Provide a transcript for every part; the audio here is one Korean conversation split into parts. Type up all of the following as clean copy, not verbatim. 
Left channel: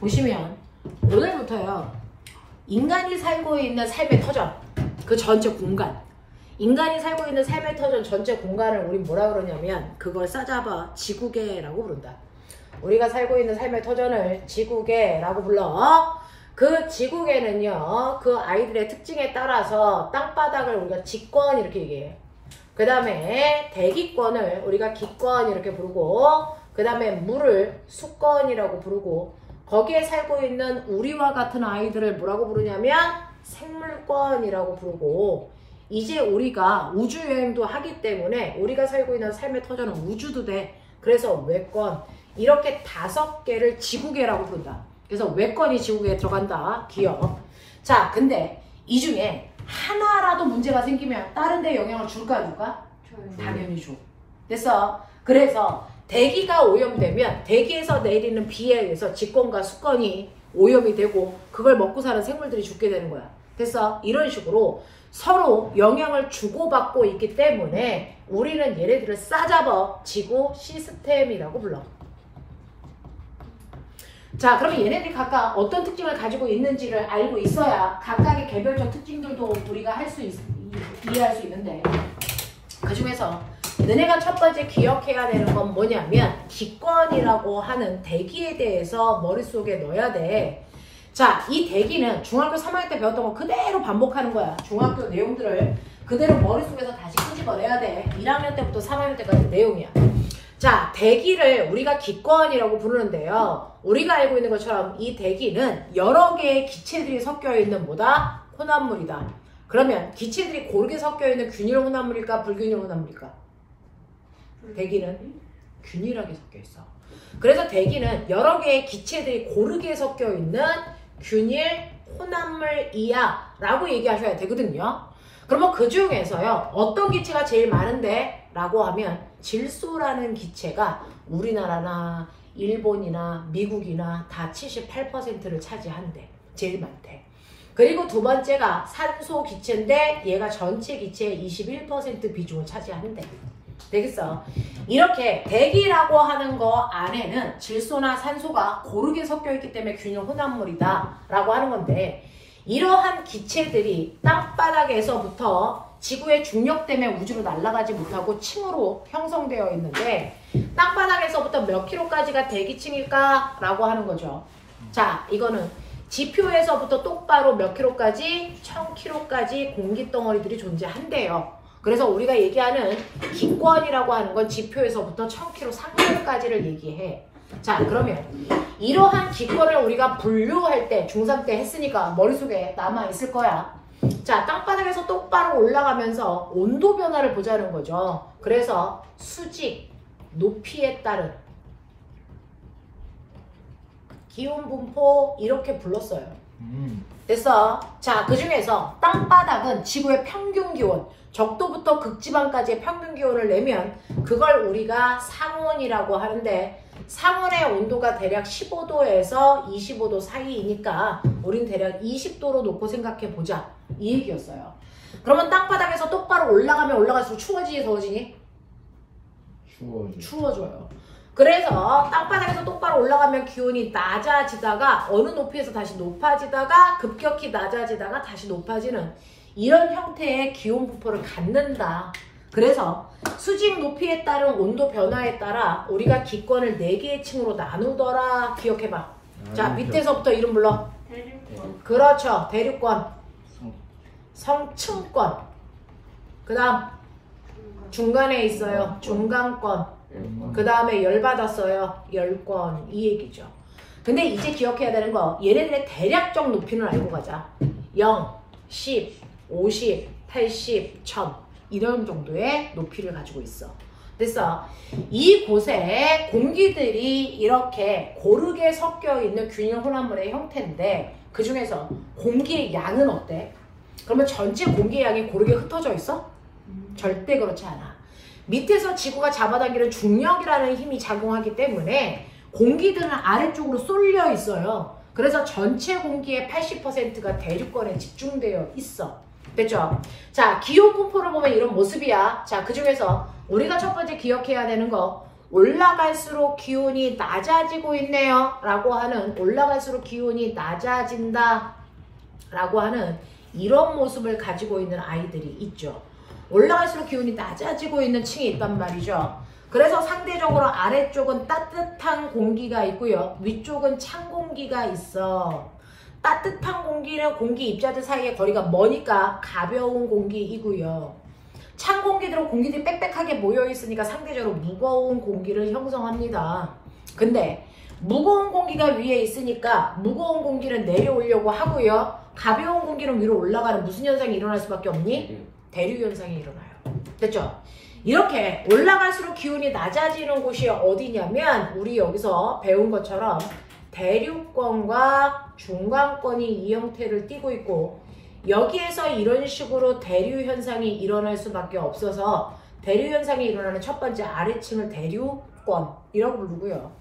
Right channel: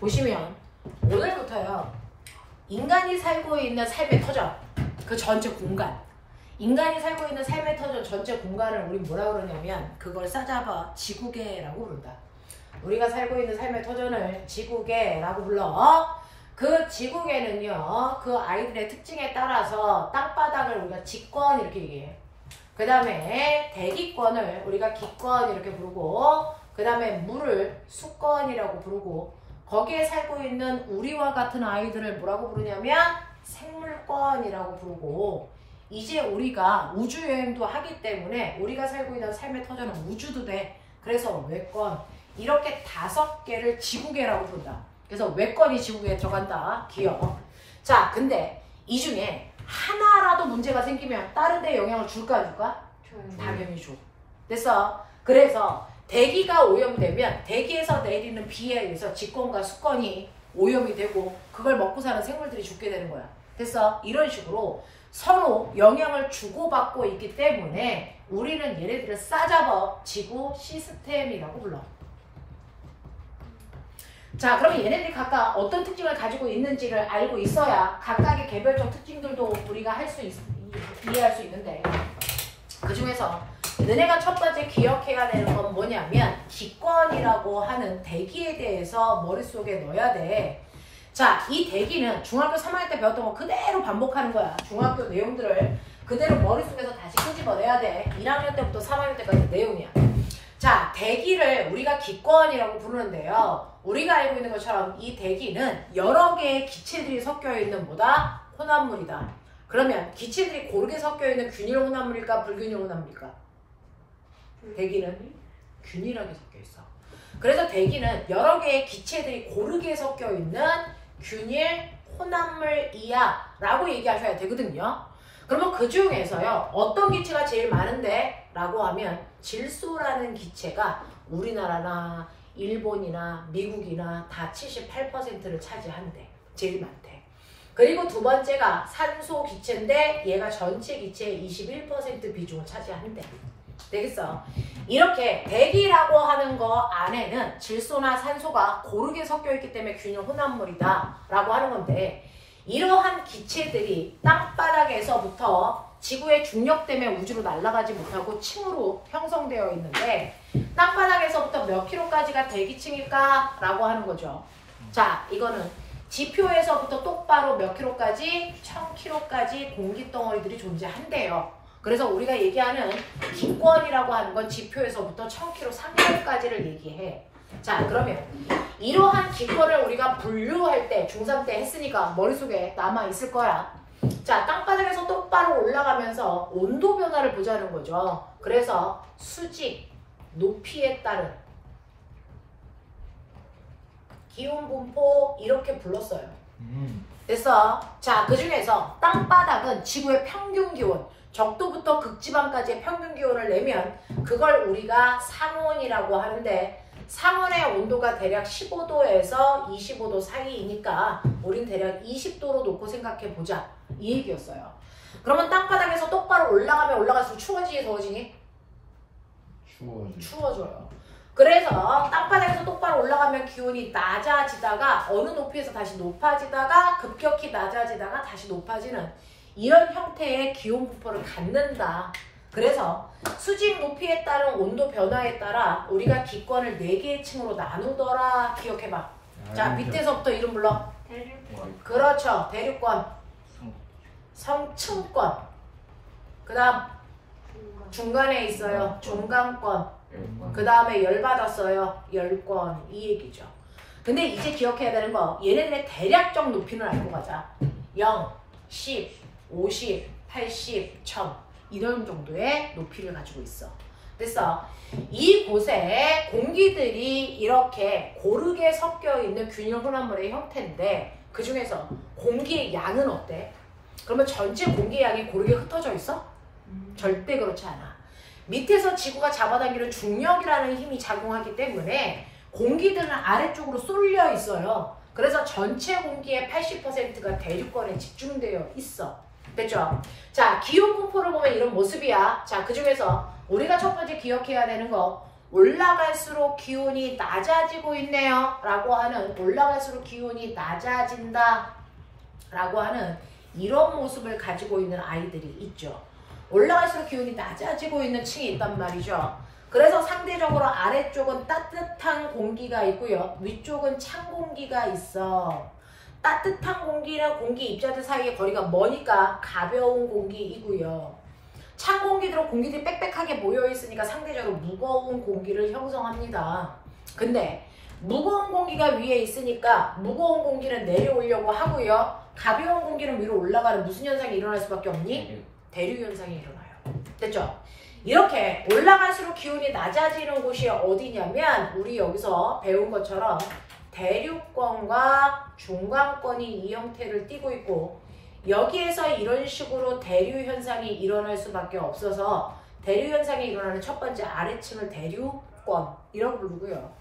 보시면 오늘부터요. 인간이 살고 있는 삶의 터전, 그 전체 공간, 인간이 살고 있는 삶의 터전 전체 공간을 우리 뭐라 그러냐면 그걸 싸잡아 지구계라고 부른다. 우리가 살고 있는 삶의 터전을 지구계라고 불러. 그 지구계는요, 그 아이들의 특징에 따라서 땅바닥을 우리가 지권 이렇게 얘기해요. 그 다음에 대기권을 우리가 기권 이렇게 부르고, 그 다음에 물을 수권이라고 부르고, 거기에 살고 있는 우리와 같은 아이들을 뭐라고 부르냐면 생물권이라고 부르고, 이제 우리가 우주여행도 하기 때문에 우리가 살고 있는 삶의 터전은 우주도 돼. 그래서 외권, 이렇게 5개를 지구계라고 부른다. 그래서 외권이 지구계에 들어간다. 기억. 자, 근데 이 중에 하나라도 문제가 생기면 다른 데 영향을 줄까 안 줄까? 당연히 줘. 됐어? 그래서 대기가 오염되면 대기에서 내리는 비에 의해서 직권과 수권이 오염이 되고 그걸 먹고 사는 생물들이 죽게 되는 거야. 됐어? 이런 식으로 서로 영향을 주고받고 있기 때문에 우리는 얘네들을 싸잡아 지구 시스템이라고 불러. 자, 그러면 얘네들이 각각 어떤 특징을 가지고 있는지를 알고 있어야 각각의 개별적 특징들도 우리가 이해할 수 있는데, 그 중에서 너네가 첫 번째 기억해야 되는 건 뭐냐면 기권이라고 하는 대기에 대해서 머릿속에 넣어야 돼. 자, 이 대기는 중학교 3학년 때 배웠던 거 그대로 반복하는 거야. 중학교 내용들을 그대로 머릿속에서 다시 끄집어내야 돼. 1학년 때부터 3학년 때까지 내용이야. 자, 대기를 우리가 기권이라고 부르는데요. 우리가 알고 있는 것처럼 이 대기는 여러 개의 기체들이 섞여 있는 뭐다? 혼합물이다. 그러면 기체들이 고르게 섞여 있는 균일 혼합물일까? 불균일 혼합물일까? 대기는 균일하게 섞여 있어. 그래서 대기는 여러 개의 기체들이 고르게 섞여 있는 균일 혼합물이야 라고 얘기하셔야 되거든요. 그러면 그 중에서요, 어떤 기체가 제일 많은데? 라고 하면 질소라는 기체가 우리나라나 일본이나 미국이나 다 78%를 차지한대. 제일 많대. 그리고 두 번째가 산소 기체인데 얘가 전체 기체의 21% 비중을 차지한대. 되겠어? 이렇게 대기라고 하는 거 안에는 질소나 산소가 고르게 섞여 있기 때문에 균일 혼합물이다 라고 하는 건데, 이러한 기체들이 땅바닥에서부터 지구의 중력 때문에 우주로 날아가지 못하고 층으로 형성되어 있는데, 땅바닥에서부터 몇 킬로까지가 대기층일까? 라고 하는 거죠. 자, 이거는 지표에서부터 똑바로 몇 킬로까지? 1000킬로까지 공기덩어리들이 존재한대요. 그래서 우리가 얘기하는 기권이라고 하는 건 지표에서부터 1000킬로 상층까지를 얘기해. 자, 그러면 이러한 기권을 우리가 분류할 때 중3 때 했으니까 머릿속에 남아있을 거야. 자, 땅바닥에서 똑바로 올라가면서 온도 변화를 보자는 거죠. 그래서 수직, 높이에 따른 기온 분포 이렇게 불렀어요. 됐어? 자, 그 중에서 땅바닥은 지구의 평균 기온, 적도부터 극지방까지의 평균 기온을 내면 그걸 우리가 상온이라고 하는데, 상온의 온도가 대략 15도에서 25도 사이이니까 우린 대략 20도로 놓고 생각해 보자. 이 얘기였어요. 그러면 땅바닥에서 똑바로 올라가면 올라갈수록 추워지니 더워지니? 추워져요. 그래서 땅바닥에서 똑바로 올라가면 기온이 낮아지다가 어느 높이에서 다시 높아지다가 급격히 낮아지다가 다시 높아지는 이런 형태의 기온 분포를 갖는다. 그래서 수직 높이에 따른 온도 변화에 따라 우리가 기권을 4개의 층으로 나누더라. 기억해봐. 자, 밑에서부터 이름 불러. 대륙권. 그렇죠. 대륙권. 성층권. 그 다음 중간에 있어요. 중간권. 그 다음에 열받았어요. 열권. 이 얘기죠. 근데 이제 기억해야 되는 거, 얘네들의 대략적 높이는 알고 가자. 0, 10, 50, 80, 1000 이런 정도의 높이를 가지고 있어. 됐어? 이곳에 공기들이 이렇게 고르게 섞여 있는 균일 혼합물의 형태인데, 그 중에서 공기의 양은 어때? 그러면 전체 공기의 양이 고르게 흩어져 있어? 절대 그렇지 않아. 밑에서 지구가 잡아당기는 중력이라는 힘이 작용하기 때문에 공기들은 아래쪽으로 쏠려 있어요. 그래서 전체 공기의 80%가 대륙권에 집중되어 있어. 됐죠? 자, 기온 분포를 보면 이런 모습이야. 자, 그 중에서 우리가 첫 번째 기억해야 되는 거, 올라갈수록 기온이 낮아지고 있네요 라고 하는, 올라갈수록 기온이 낮아진다 라고 하는 이런 모습을 가지고 있는 아이들이 있죠. 올라갈수록 기온이 낮아지고 있는 층이 있단 말이죠. 그래서 상대적으로 아래쪽은 따뜻한 공기가 있고요, 위쪽은 찬 공기가 있어. 따뜻한 공기는 공기 입자들 사이의 거리가 머니까 가벼운 공기이고요, 찬 공기들은 공기들이 빽빽하게 모여있으니까 상대적으로 무거운 공기를 형성합니다. 근데 무거운 공기가 위에 있으니까 무거운 공기는 내려오려고 하고요, 가벼운 공기는 위로 올라가는 무슨 현상이 일어날 수밖에 없니? 대류 현상이 일어나요. 됐죠? 이렇게 올라갈수록 기온이 낮아지는 곳이 어디냐면 우리 여기서 배운 것처럼 대류권과 중간권이 이 형태를 띠고 있고, 여기에서 이런 식으로 대류 현상이 일어날 수밖에 없어서 대류 현상이 일어나는 첫 번째 아래층을 대류권이라고 부르고요,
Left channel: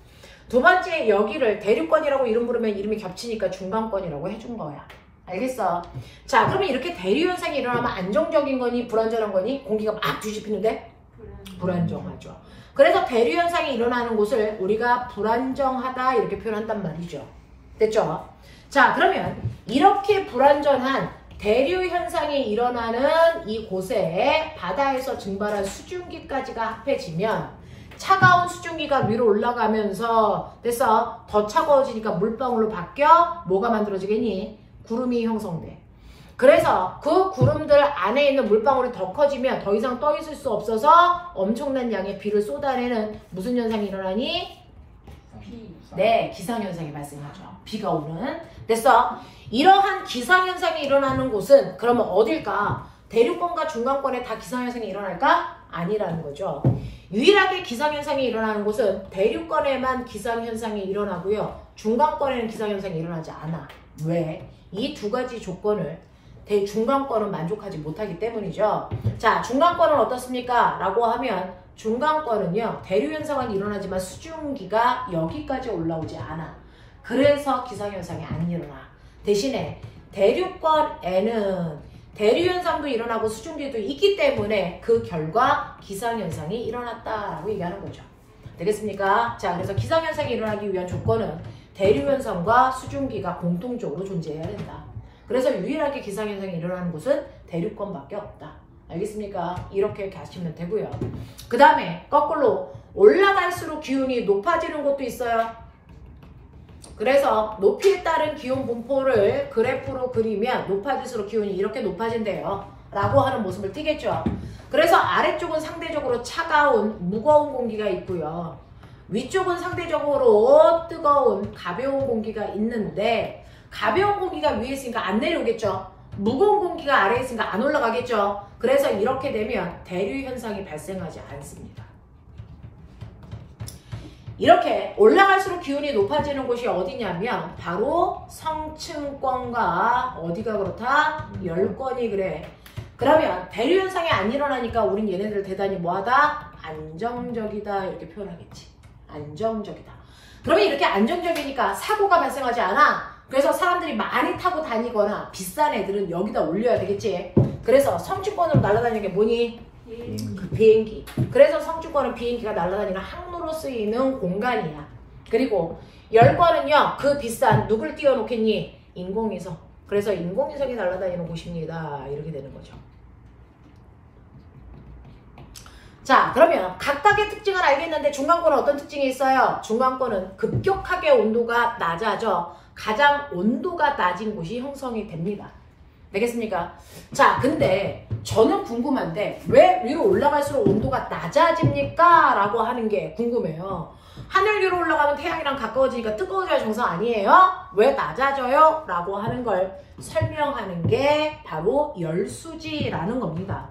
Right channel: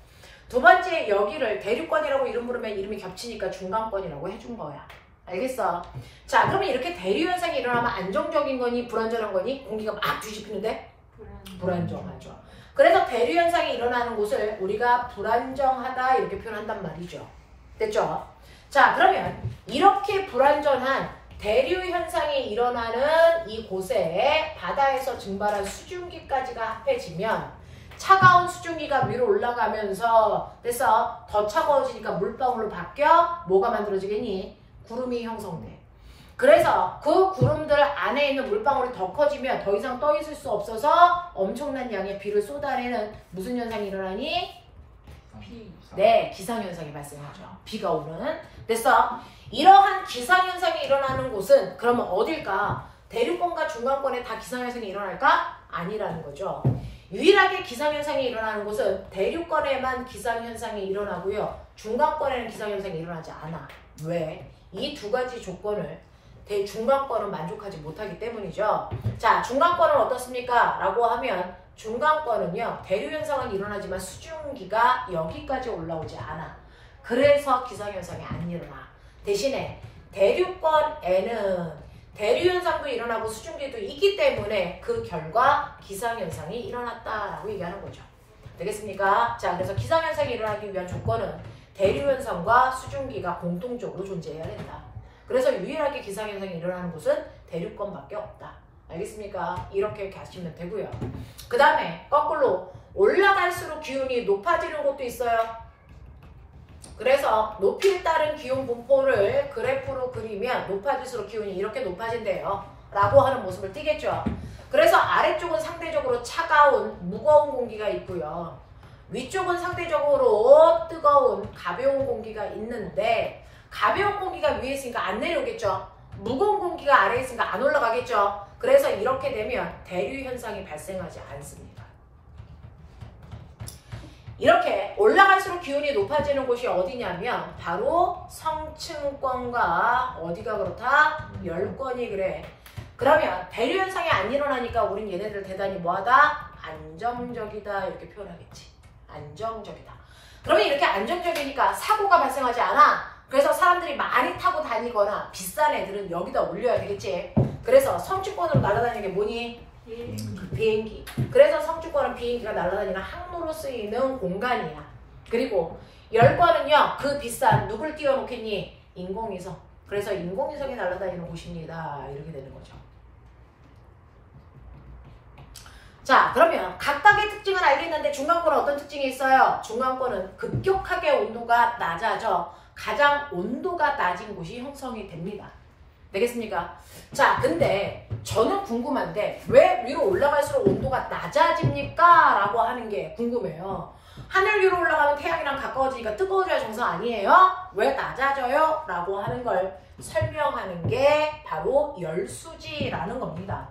두 번째 여기를 대류권이라고 이름 부르면 이름이 겹치니까 중간권이라고 해준 거야. 알겠어? 자, 그러면 이렇게 대류 현상이 일어나면 안정적인 거니 불안정한 거니? 공기가 막 뒤집히는데? 불안정하죠. 그래서 대류 현상이 일어나는 곳을 우리가 불안정하다 이렇게 표현한단 말이죠. 됐죠? 자, 그러면 이렇게 불안정한 대류 현상이 일어나는 이곳에 바다에서 증발한 수증기까지가 합해지면 차가운 수증기가 위로 올라가면서 됐어? 더 차가워지니까 물방울로 바뀌어 뭐가 만들어지겠니? 구름이 형성돼. 그래서 그 구름들 안에 있는 물방울이 더 커지면 더 이상 떠 있을 수 없어서 엄청난 양의 비를 쏟아내는 무슨 현상이 일어나니? 네, 기상현상이 발생하죠. 비가 오는. 됐어? 이러한 기상현상이 일어나는 곳은 그러면 어딜까? 대류권과 중간권에 다 기상현상이 일어날까? 아니라는 거죠. 유일하게 기상현상이 일어나는 곳은 대류권에만 기상현상이 일어나고요, 중간권에는 기상현상이 일어나지 않아. 왜? 이 두 가지 조건을 중간권은 만족하지 못하기 때문이죠. 자, 중간권은 어떻습니까? 라고 하면 중간권은요, 대류현상은 일어나지만 수증기가 여기까지 올라오지 않아. 그래서 기상현상이 안 일어나. 대신에 대류권에는 대류현상도 일어나고 수증기도 있기 때문에 그 결과 기상현상이 일어났다라고 얘기하는 거죠. 되겠습니까? 자, 그래서 기상현상이 일어나기 위한 조건은 대류현상과 수증기가 공통적으로 존재해야 된다. 그래서 유일하게 기상현상이 일어나는 곳은 대류권밖에 없다. 알겠습니까? 이렇게 하시면 되고요. 그 다음에 거꾸로 올라갈수록 기온이 높아지는 곳도 있어요. 그래서 높이에 따른 기온 분포를 그래프로 그리면 높아질수록 기온이 이렇게 높아진대요 라고 하는 모습을 띠겠죠. 그래서 아래쪽은 상대적으로 차가운 무거운 공기가 있고요, 위쪽은 상대적으로 뜨거운 가벼운 공기가 있는데, 가벼운 공기가 위에 있으니까 안 내려오겠죠. 무거운 공기가 아래에 있으니까 안 올라가겠죠. 그래서 이렇게 되면 대류 현상이 발생하지 않습니다. 이렇게 올라갈수록 기온이 높아지는 곳이 어디냐면 바로 성층권과 어디가 그렇다? 열권이 그래. 그러면 대류 현상이 안 일어나니까 우린 얘네들 대단히 뭐하다? 안정적이다 이렇게 표현하겠지. 안정적이다. 그러면 이렇게 안정적이니까 사고가 발생하지 않아. 그래서 사람들이 많이 타고 다니거나 비싼 애들은 여기다 올려야 되겠지. 그래서 성층권으로 날아다니는 게 뭐니? 그 비행기. 그래서 성층권은 비행기가 날아다니는 항로로 쓰이는 공간이야. 그리고 열권은요, 그 비싼 누굴 띄워놓겠니? 인공위성. 그래서 인공위성이 날아다니는 곳입니다. 이렇게 되는 거죠. 자, 그러면 각각의 특징을 알겠는데 중간권은 어떤 특징이 있어요? 중간권은 급격하게 온도가 낮아져 가장 온도가 낮은 곳이 형성이 됩니다. 되겠습니까? 자, 근데 저는 궁금한데 왜 위로 올라갈수록 온도가 낮아집니까? 라고 하는 게 궁금해요. 하늘 위로 올라가면 태양이랑 가까워지니까 뜨거워져야 정상 아니에요? 왜 낮아져요? 라고 하는 걸 설명하는 게 바로 열수지라는 겁니다.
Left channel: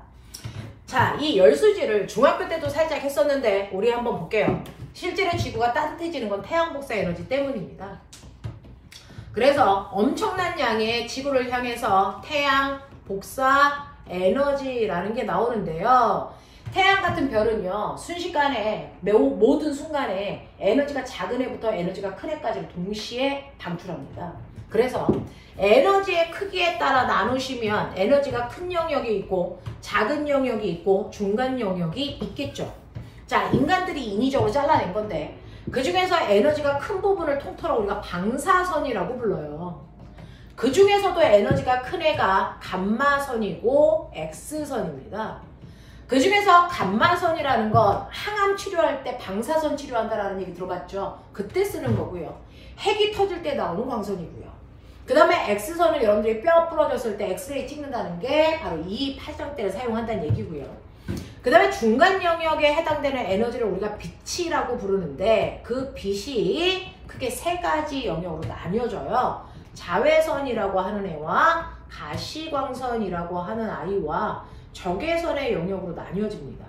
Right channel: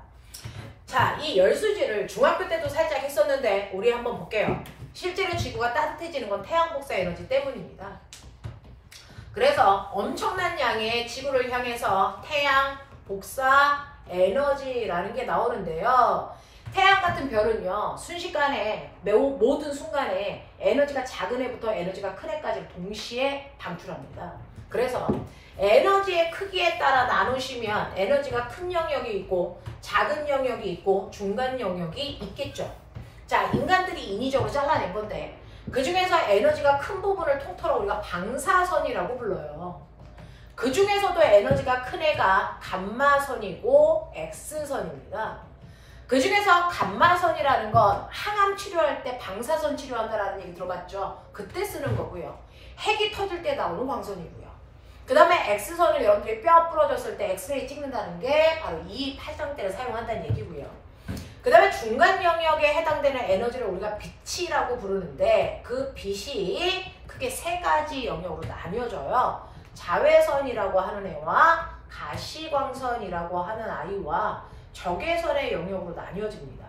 자, 이 열수지를 중학교 때도 살짝 했었는데 우리 한번 볼게요. 실제로 지구가 따뜻해지는 건 태양 복사 에너지 때문입니다. 그래서 엄청난 양의 지구를 향해서 태양 복사 에너지라는 게 나오는데요. 태양 같은 별은요, 순식간에 모든 순간에 에너지가 작은 애부터 에너지가 큰 애까지 동시에 방출합니다. 그래서 에너지의 크기에 따라 나누시면 에너지가 큰 영역이 있고 작은 영역이 있고 중간 영역이 있겠죠. 자, 인간들이 인위적으로 잘라낸 건데 그 중에서 에너지가 큰 부분을 통틀어 우리가 방사선이라고 불러요. 그 중에서도 에너지가 큰 애가 감마선이고 X선입니다. 그 중에서 감마선이라는 건 항암 치료할 때 방사선 치료한다라는 얘기 들어봤죠? 그때 쓰는 거고요. 핵이 터질 때 나오는 광선이고요. 그 다음에 X선을 여러분들이 뼈 부러졌을 때 엑스레이 찍는다는 게 바로 이 파장대를 사용한다는 얘기고요. 그 다음에 중간 영역에 해당되는 에너지를 우리가 빛이라고 부르는데 그 빛이 크게 세 가지 영역으로 나뉘어져요. 자외선이라고 하는 애와 가시광선이라고 하는 아이와 적외선의 영역으로 나뉘어집니다.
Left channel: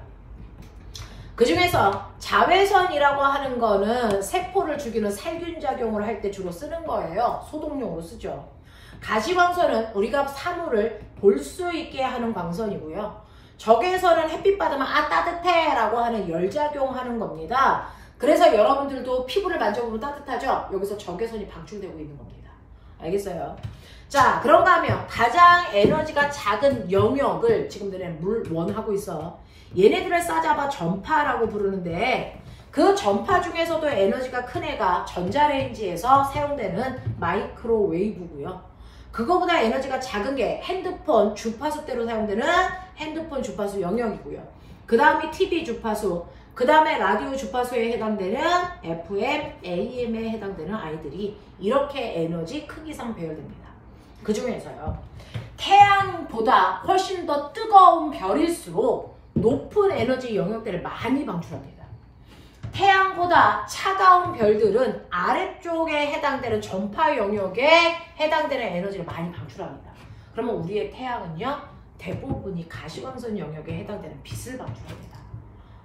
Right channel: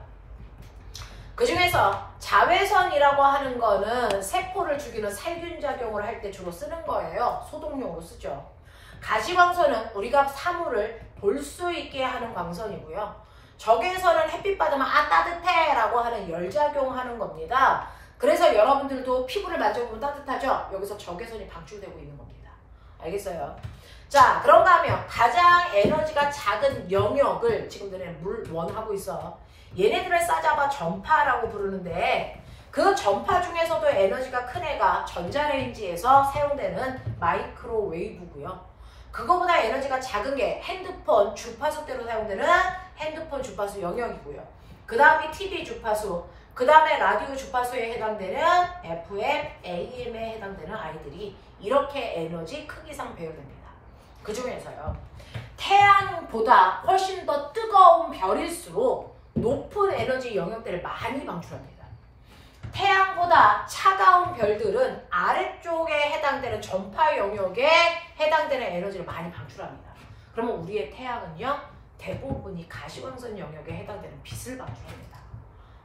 그 중에서 자외선이라고 하는 거는 세포를 죽이는 살균 작용을 할 때 주로 쓰는 거예요. 소독용으로 쓰죠. 가시광선은 우리가 사물을 볼 수 있게 하는 광선이고요. 적외선은 햇빛 받으면 아 따뜻해 라고 하는 열작용하는 겁니다. 그래서 여러분들도 피부를 만져보면 따뜻하죠? 여기서 적외선이 방출되고 있는 겁니다. 알겠어요? 자, 그런가 하면 가장 에너지가 작은 영역을 지금 너네 물원하고 있어. 얘네들을 싸잡아 전파라고 부르는데 그 전파 중에서도 에너지가 큰 애가 전자레인지에서 사용되는 마이크로웨이브고요. 그거보다 에너지가 작은 게 핸드폰 주파수 대로 사용되는 핸드폰 주파수 영역이고요. 그 다음이 TV 주파수, 그 다음에 라디오 주파수에 해당되는 FM, AM에 해당되는 아이들이 이렇게 에너지 크기상 배열됩니다. 그 중에서요. 태양보다 훨씬 더 뜨거운 별일수록 높은 에너지 영역들을 많이 방출합니다. 태양보다 차가운 별들은 아래쪽에 해당되는 전파 영역에 해당되는 에너지를 많이 방출합니다. 그러면 우리의 태양은요, 대부분이 가시광선 영역에 해당되는 빛을 방출합니다.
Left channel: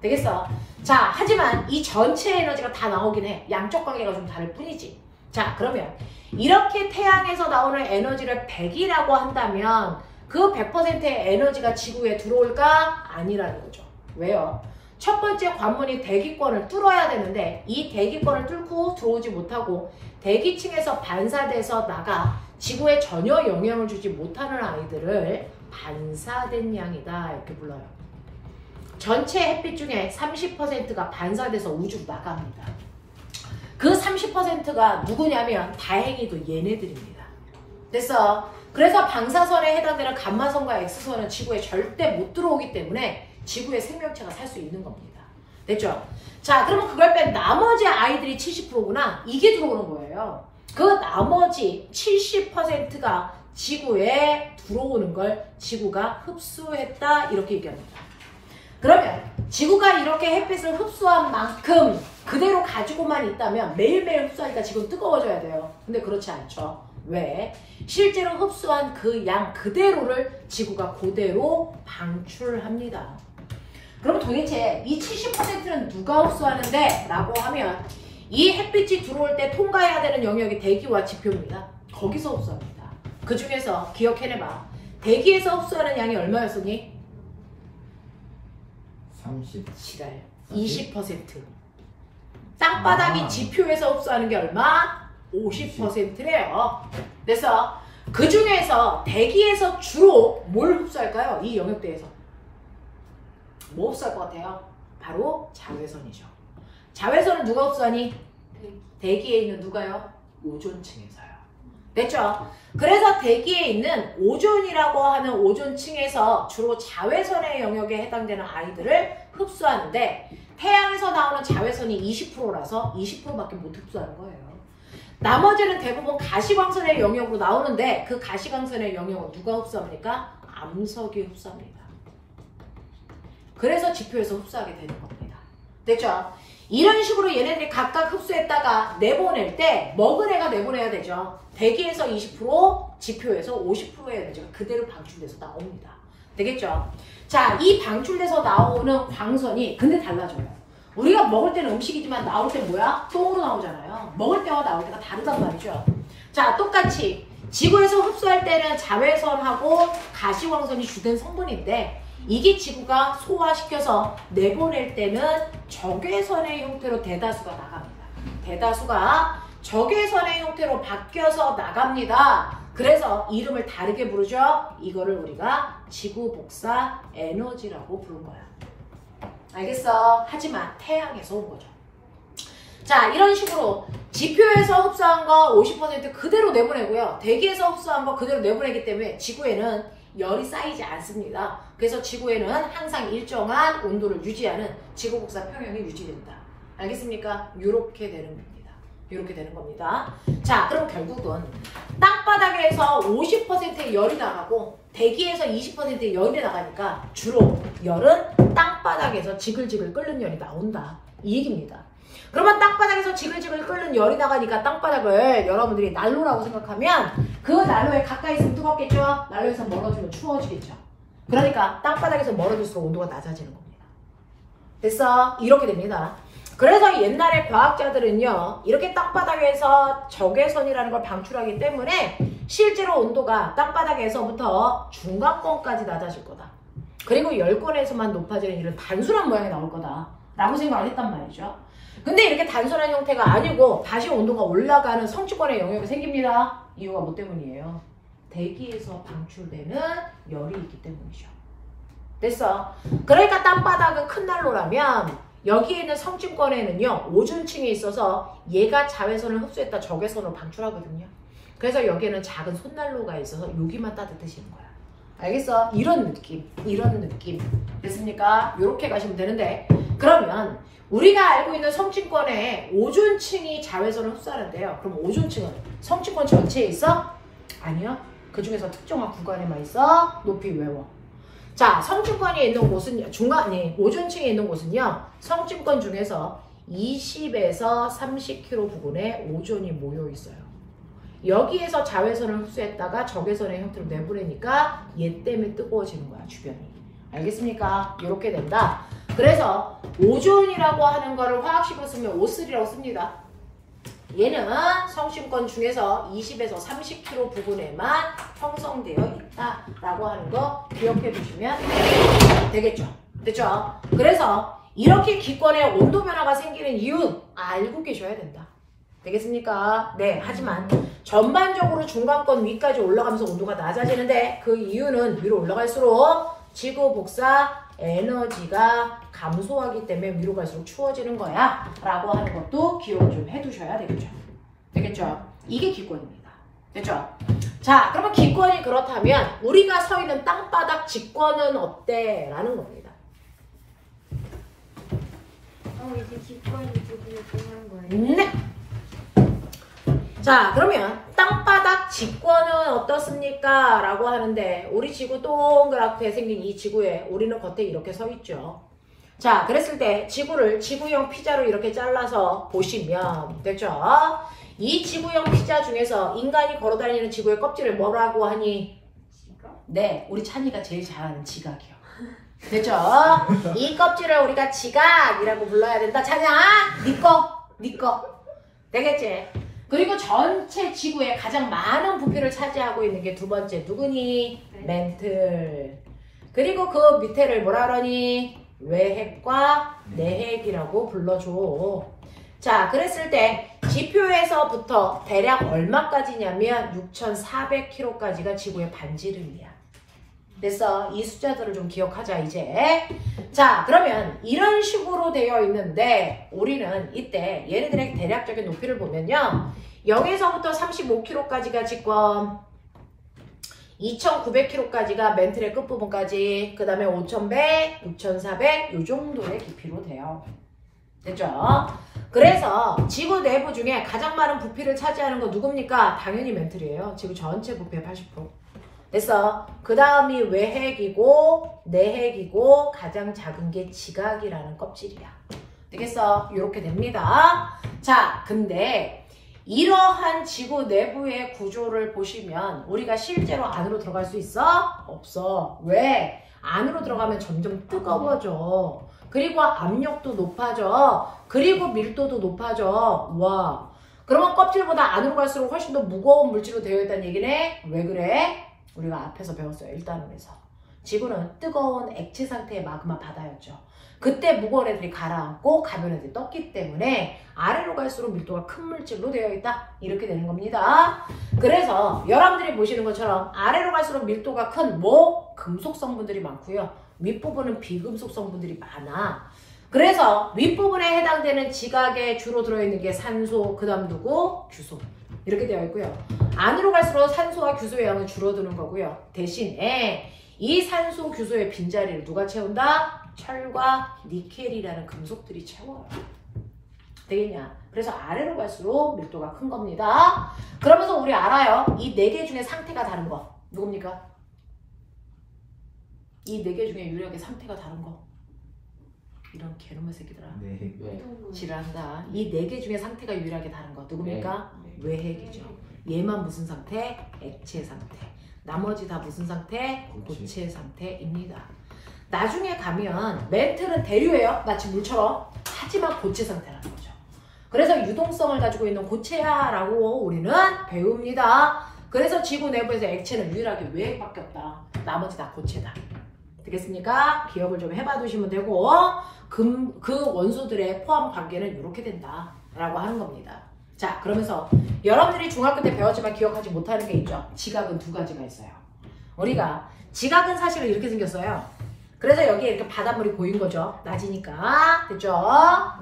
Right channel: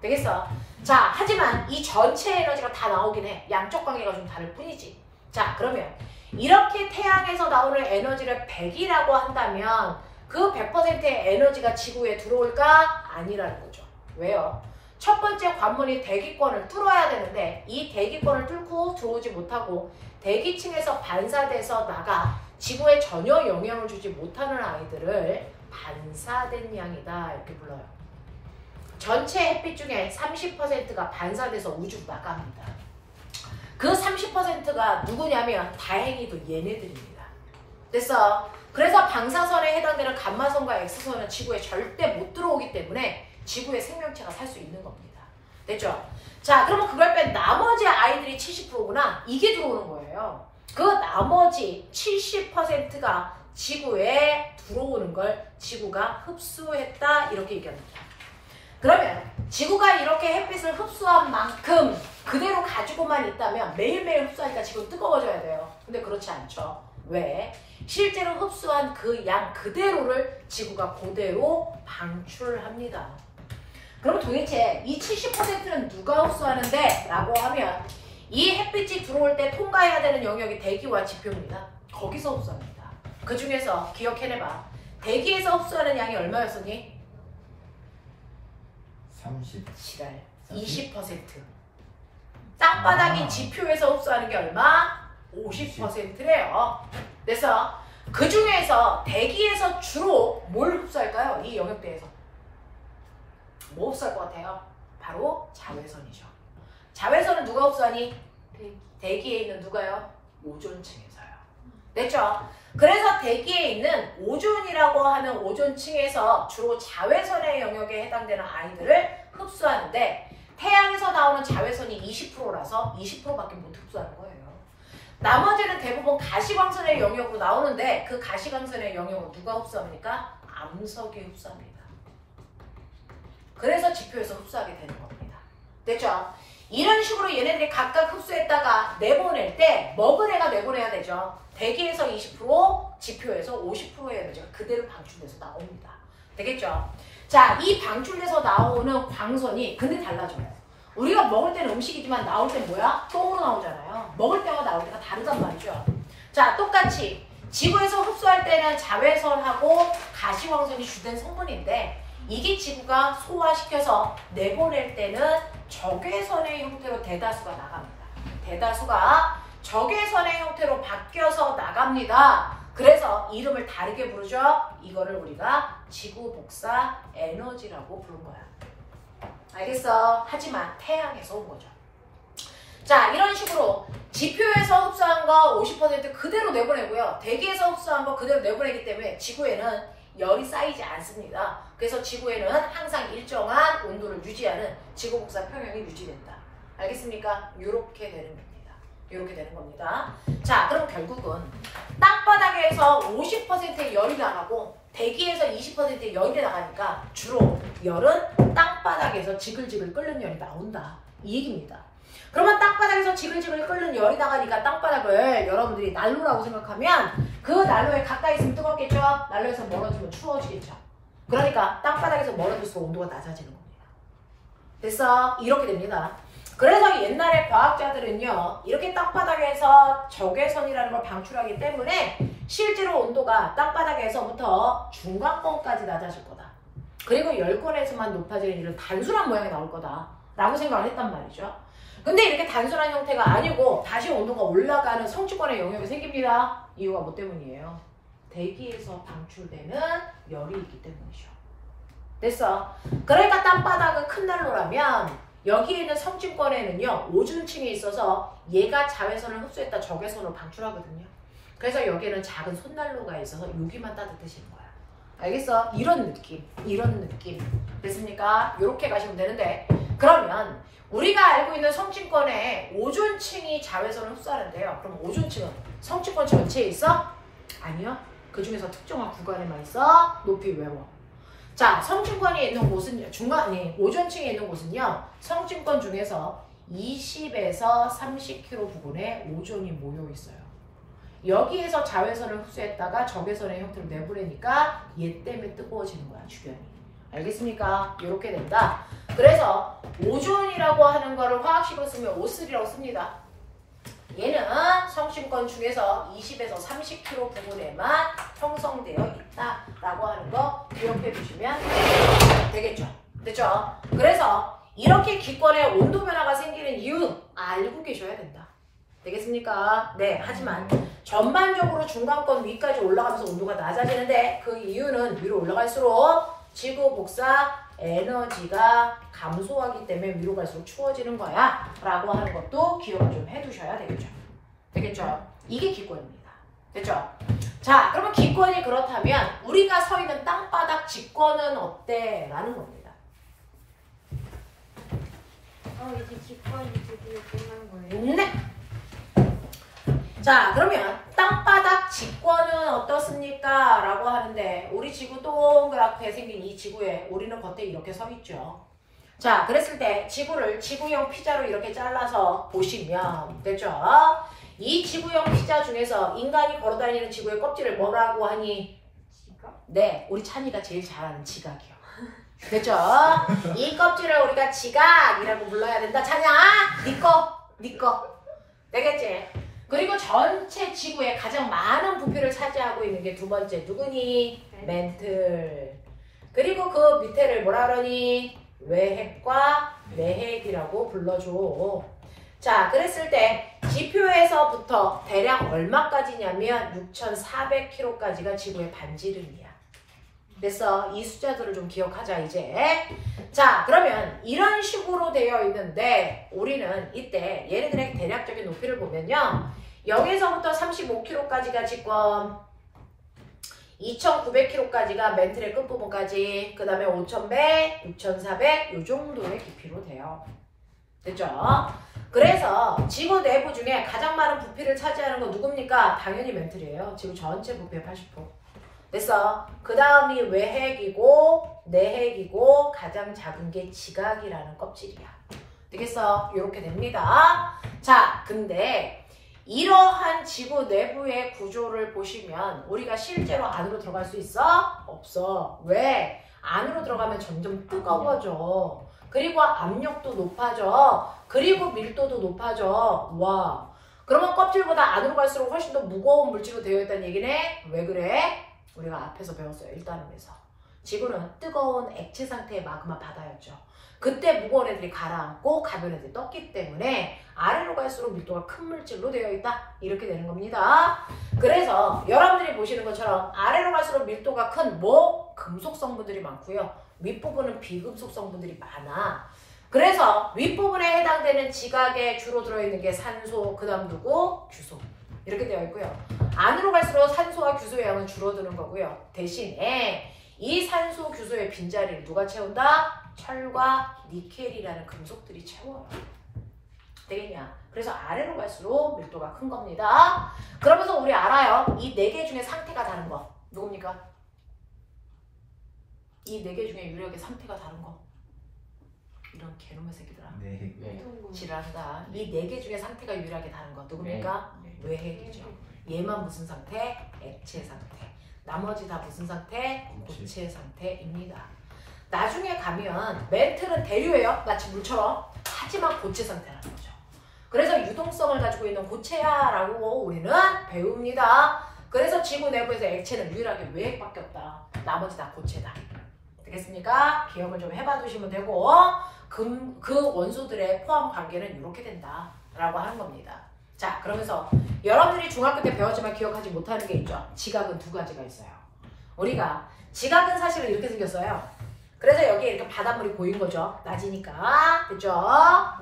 되겠어? 자, 하지만 이 전체 에너지가 다 나오긴 해. 양쪽 관계가 좀 다를 뿐이지. 자, 그러면 이렇게 태양에서 나오는 에너지를 100이라고 한다면 그 100%의 에너지가 지구에 들어올까? 아니라는 거죠. 왜요? 첫 번째 관문이 대기권을 뚫어야 되는데 이 대기권을 뚫고 들어오지 못하고 대기층에서 반사돼서 나가 지구에 전혀 영향을 주지 못하는 아이들을 반사된 양이다 이렇게 불러요. 전체 햇빛 중에 30%가 반사돼서 우주로 나갑니다. 그 30%가 누구냐면 다행히도 얘네들입니다. 됐어? 그래서 방사선에 해당되는 감마선과 X선은 지구에 절대 못 들어오기 때문에 지구의 생명체가 살 수 있는 겁니다. 됐죠? 자, 그러면 그걸 뺀 나머지 아이들이 70%구나. 이게 들어오는 거예요. 그 나머지 70%가 지구에 들어오는 걸 지구가 흡수했다 이렇게 얘기합니다. 그러면 지구가 이렇게 햇빛을 흡수한 만큼 그대로 가지고만 있다면 매일매일 흡수하니까 지금 뜨거워져야 돼요. 근데 그렇지 않죠. 왜? 실제로 흡수한 그 양 그대로를 지구가 그대로 방출합니다. 그럼 도대체 이 70%는 누가 흡수하는데? 라고 하면 이 햇빛이 들어올 때 통과해야 되는 영역이 대기와 지표입니다. 거기서 흡수합니다. 그 중에서 기억해내봐. 대기에서 흡수하는 양이 얼마였었니? 30. 지랄. 20%. 땅바닥인 지표에서 흡수하는 게 얼마? 50%래요. 그래서 그 중에서 대기에서 주로 뭘 흡수할까요? 이 영역대에서. 뭐 흡수할 것 같아요? 바로 자외선이죠. 자외선은 누가 흡수하니? 대기에 있는 누가요? 오존층에서요. 됐죠? 그래서 대기에 있는 오존이라고 하는 오존층에서 주로 자외선의 영역에 해당되는 아이들을 흡수하는데 태양에서 나오는 자외선이 20%라서 20%밖에 못 흡수하는 거예요. 나머지는 대부분 가시광선의 영역으로 나오는데 그 가시광선의 영역을 누가 흡수합니까? 암석이 흡수합니다. 그래서 지표에서 흡수하게 되는 겁니다. 됐죠? 이런 식으로 얘네들이 각각 흡수했다가 내보낼 때 먹은 애가 내보내야 되죠. 대기에서 20%, 지표에서 50%의 에너지가 그대로 방출돼서 나옵니다. 되겠죠? 자, 이 방출돼서 나오는 광선이 근데 달라져요. 우리가 먹을 때는 음식이지만 나올 때 뭐야? 똥으로 나오잖아요. 먹을 때와 나올 때가 다르단 말이죠. 자, 똑같이 지구에서 흡수할 때는 자외선하고 가시광선이 주된 성분인데 이게 지구가 소화시켜서 내보낼 때는 적외선의 형태로 대다수가 나갑니다. 대다수가 적외선의 형태로 바뀌어서 나갑니다. 그래서 이름을 다르게 부르죠. 이거를 우리가 지구 복사 에너지라고 부른 거야. 알겠어? 하지만 태양에서 온 거죠. 자, 이런 식으로 지표에서 흡수한 거 50% 그대로 내보내고요. 대기에서 흡수한 거 그대로 내보내기 때문에 지구에는 열이 쌓이지 않습니다. 그래서 지구에는 항상 일정한 온도를 유지하는 지구 복사 평형이 유지된다. 알겠습니까? 이렇게 되는 겁니다. 이렇게 되는 겁니다. 자, 그럼 결국은 땅바닥에서 50%의 열이 나가고 대기에서 20%의 열이 나가니까 주로 열은 땅바닥에서 지글지글 끓는 열이 나온다. 이 얘기입니다. 그러면 땅바닥에서 지글지글 끓는 열이 나가니까 땅바닥을 여러분들이 난로라고 생각하면 그 난로에 가까이 있으면 뜨겁겠죠? 난로에서 멀어지면 추워지겠죠? 그러니까 땅바닥에서 멀어질수록 온도가 낮아지는 겁니다. 됐어? 이렇게 됩니다. 그래서 옛날에 과학자들은요, 이렇게 땅바닥에서 적외선이라는 걸 방출하기 때문에 실제로 온도가 땅바닥에서부터 중간권까지 낮아질 거다. 그리고 열권에서만 높아지는 이런 단순한 모양이 나올 거다 라고 생각을 했단 말이죠. 근데 이렇게 단순한 형태가 아니고 다시 온도가 올라가는 성취권의 영역이 생깁니다. 이유가 뭐 때문이에요? 대기에서 방출되는 열이 있기 때문이죠. 됐어? 그러니까 땅바닥은 큰 난로라면 여기에 있는 성층권에는요, 오존층이 있어서 얘가 자외선을 흡수했다 적외선으로 방출하거든요. 그래서 여기에는 작은 손난로가 있어서 여기만 따뜻해지는 거야. 알겠어? 이런 느낌, 이런 느낌. 됐습니까? 이렇게 가시면 되는데, 그러면 우리가 알고 있는 성층권에 오존층이 자외선을 흡수하는데요. 그럼 오존층은 성층권 전체에 있어? 아니요. 그 중에서 특정한 구간에만 있어. 높이 외워. 자, 성층권이 있는 곳은 오존층에 있는 곳은요. 성층권 중에서 20에서 30km 부근에 오존이 모여 있어요. 여기에서 자외선을 흡수했다가 적외선의 형태로 내보내니까 얘 때문에 뜨거워지는 거야, 주변이. 알겠습니까? 이렇게 된다. 그래서 오존이라고 하는 거를 화학식으로 쓰면 O3라고 씁니다. 얘는 성층권 중에서 20에서 30km 부근에만 형성되어 있다라고 하는 거 기억해 두시면 되겠죠. 됐죠? 그래서 이렇게 기권에 온도 변화가 생기는 이유 알고 계셔야 된다. 되겠습니까? 네, 하지만 전반적으로 중간권 위까지 올라가면서 온도가 낮아지는데 그 이유는 위로 올라갈수록 지구 복사 에너지가 감소하기 때문에 위로 갈수록 추워지는 거야 라고 하는 것도 기억을 좀 해두셔야 되겠죠. 되겠죠? 이게 기권입니다. 됐죠? 자, 그러면 기권이 그렇다면 우리가 서 있는 땅바닥 직권은 어때? 라는 겁니다. 이제 기권이 되는 거예요? 네. 자, 그러면 땅바닥 직권은 어떻습니까? 라고 하는데 우리 지구 동그랗게 생긴 이 지구에 우리는 겉에 이렇게 서 있죠. 자, 그랬을 때 지구를 지구형 피자로 이렇게 잘라서 보시면 됐죠? 이 지구형 피자 중에서 인간이 걸어다니는 지구의 껍질을 뭐라고 하니? 지각? 네, 우리 찬이가 제일 잘 아는 지각이요. 됐죠? 이 껍질을 우리가 지각이라고 불러야 된다. 찬이야, 네 거. 되겠지? 그리고 전체 지구에 가장 많은 부피를 차지하고 있는 게 두 번째 누구니? 멘틀. 그리고 그 밑에를 뭐라 그러니? 외핵과 내핵이라고 불러줘. 자, 그랬을 때 지표에서부터 대략 얼마까지냐면 6,400km까지가 지구의 반지름이야. 그래서 이 숫자들을 좀 기억하자 이제. 자, 그러면 이런 식으로 되어 있는데 우리는 이때 얘네들의 대략적인 높이를 보면요. 여기서부터 35km까지가 직권, 2,900km까지가 멘틀의 끝부분까지, 그 다음에 5,100, 6,400 이 정도의 깊이로 돼요. 됐죠? 그래서 지구 내부 중에 가장 많은 부피를 차지하는 건 누굽니까? 당연히 멘틀이에요. 지구 전체 부피의 80%. 됐어. 그 다음이 외핵이고 내핵이고 가장 작은 게 지각이라는 껍질이야. 되겠어? 이렇게 됩니다. 자, 근데 이러한 지구 내부의 구조를 보시면 우리가 실제로 안으로 들어갈 수 있어? 없어. 왜? 안으로 들어가면 점점 뜨거워져. 그리고 압력도 높아져. 그리고 밀도도 높아져. 와. 그러면 껍질보다 안으로 갈수록 훨씬 더 무거운 물질로 되어 있다는 얘기네? 왜 그래? 우리가 앞에서 배웠어요. 1단원에서. 지구는 뜨거운 액체 상태의 마그마 바다였죠. 그때 무거운 애들이 가라앉고 가벼운 애들이 떴기 때문에 아래로 갈수록 밀도가 큰 물질로 되어 있다. 이렇게 되는 겁니다. 그래서 여러분들이 보시는 것처럼 아래로 갈수록 밀도가 큰 금속 성분들이 많고요. 윗부분은 비금속 성분들이 많아. 그래서 윗부분에 해당되는 지각에 주로 들어있는 게 산소, 그 다음 누구? 규소. 이렇게 되어 있고요. 안으로 갈수록 산소와 규소의 양은 줄어드는 거고요. 대신에 이 산소, 규소의 빈자리를 누가 채운다? 철과 니켈이라는 금속들이 채워요. 되겠냐? 그래서 아래로 갈수록 밀도가 큰 겁니다. 그러면서 우리 알아요. 이 4개 중에 상태가 다른 거. 누굽니까? 이 4개 중에 유력의 상태가 다른 거. 이런 개놈의 새끼들아. 네. 지랄한다. 이 4개 중에 상태가 유일하게 다른 거. 누굽니까? 네. 외핵이죠. 얘만 무슨 상태? 액체 상태. 나머지 다 무슨 상태? 고체 상태입니다. 나중에 가면 멘틀은 대류예요. 마치 물처럼. 하지만 고체 상태라는 거죠. 그래서 유동성을 가지고 있는 고체야라고 우리는 배웁니다. 그래서 지구 내부에서 액체는 유일하게 외핵밖에 없다. 나머지 다 고체다. 되겠습니까? 기억을 좀 해봐 두시면 되고 그 원소들의 포함 관계는 이렇게 된다라고 하는 겁니다. 자, 그러면서 여러분들이 중학교 때 배웠지만 기억하지 못하는 게 있죠. 지각은 2가지가 있어요. 우리가 지각은 사실은 이렇게 생겼어요. 그래서 여기에 이렇게 바닷물이 고인 거죠. 낮이니까. 됐죠?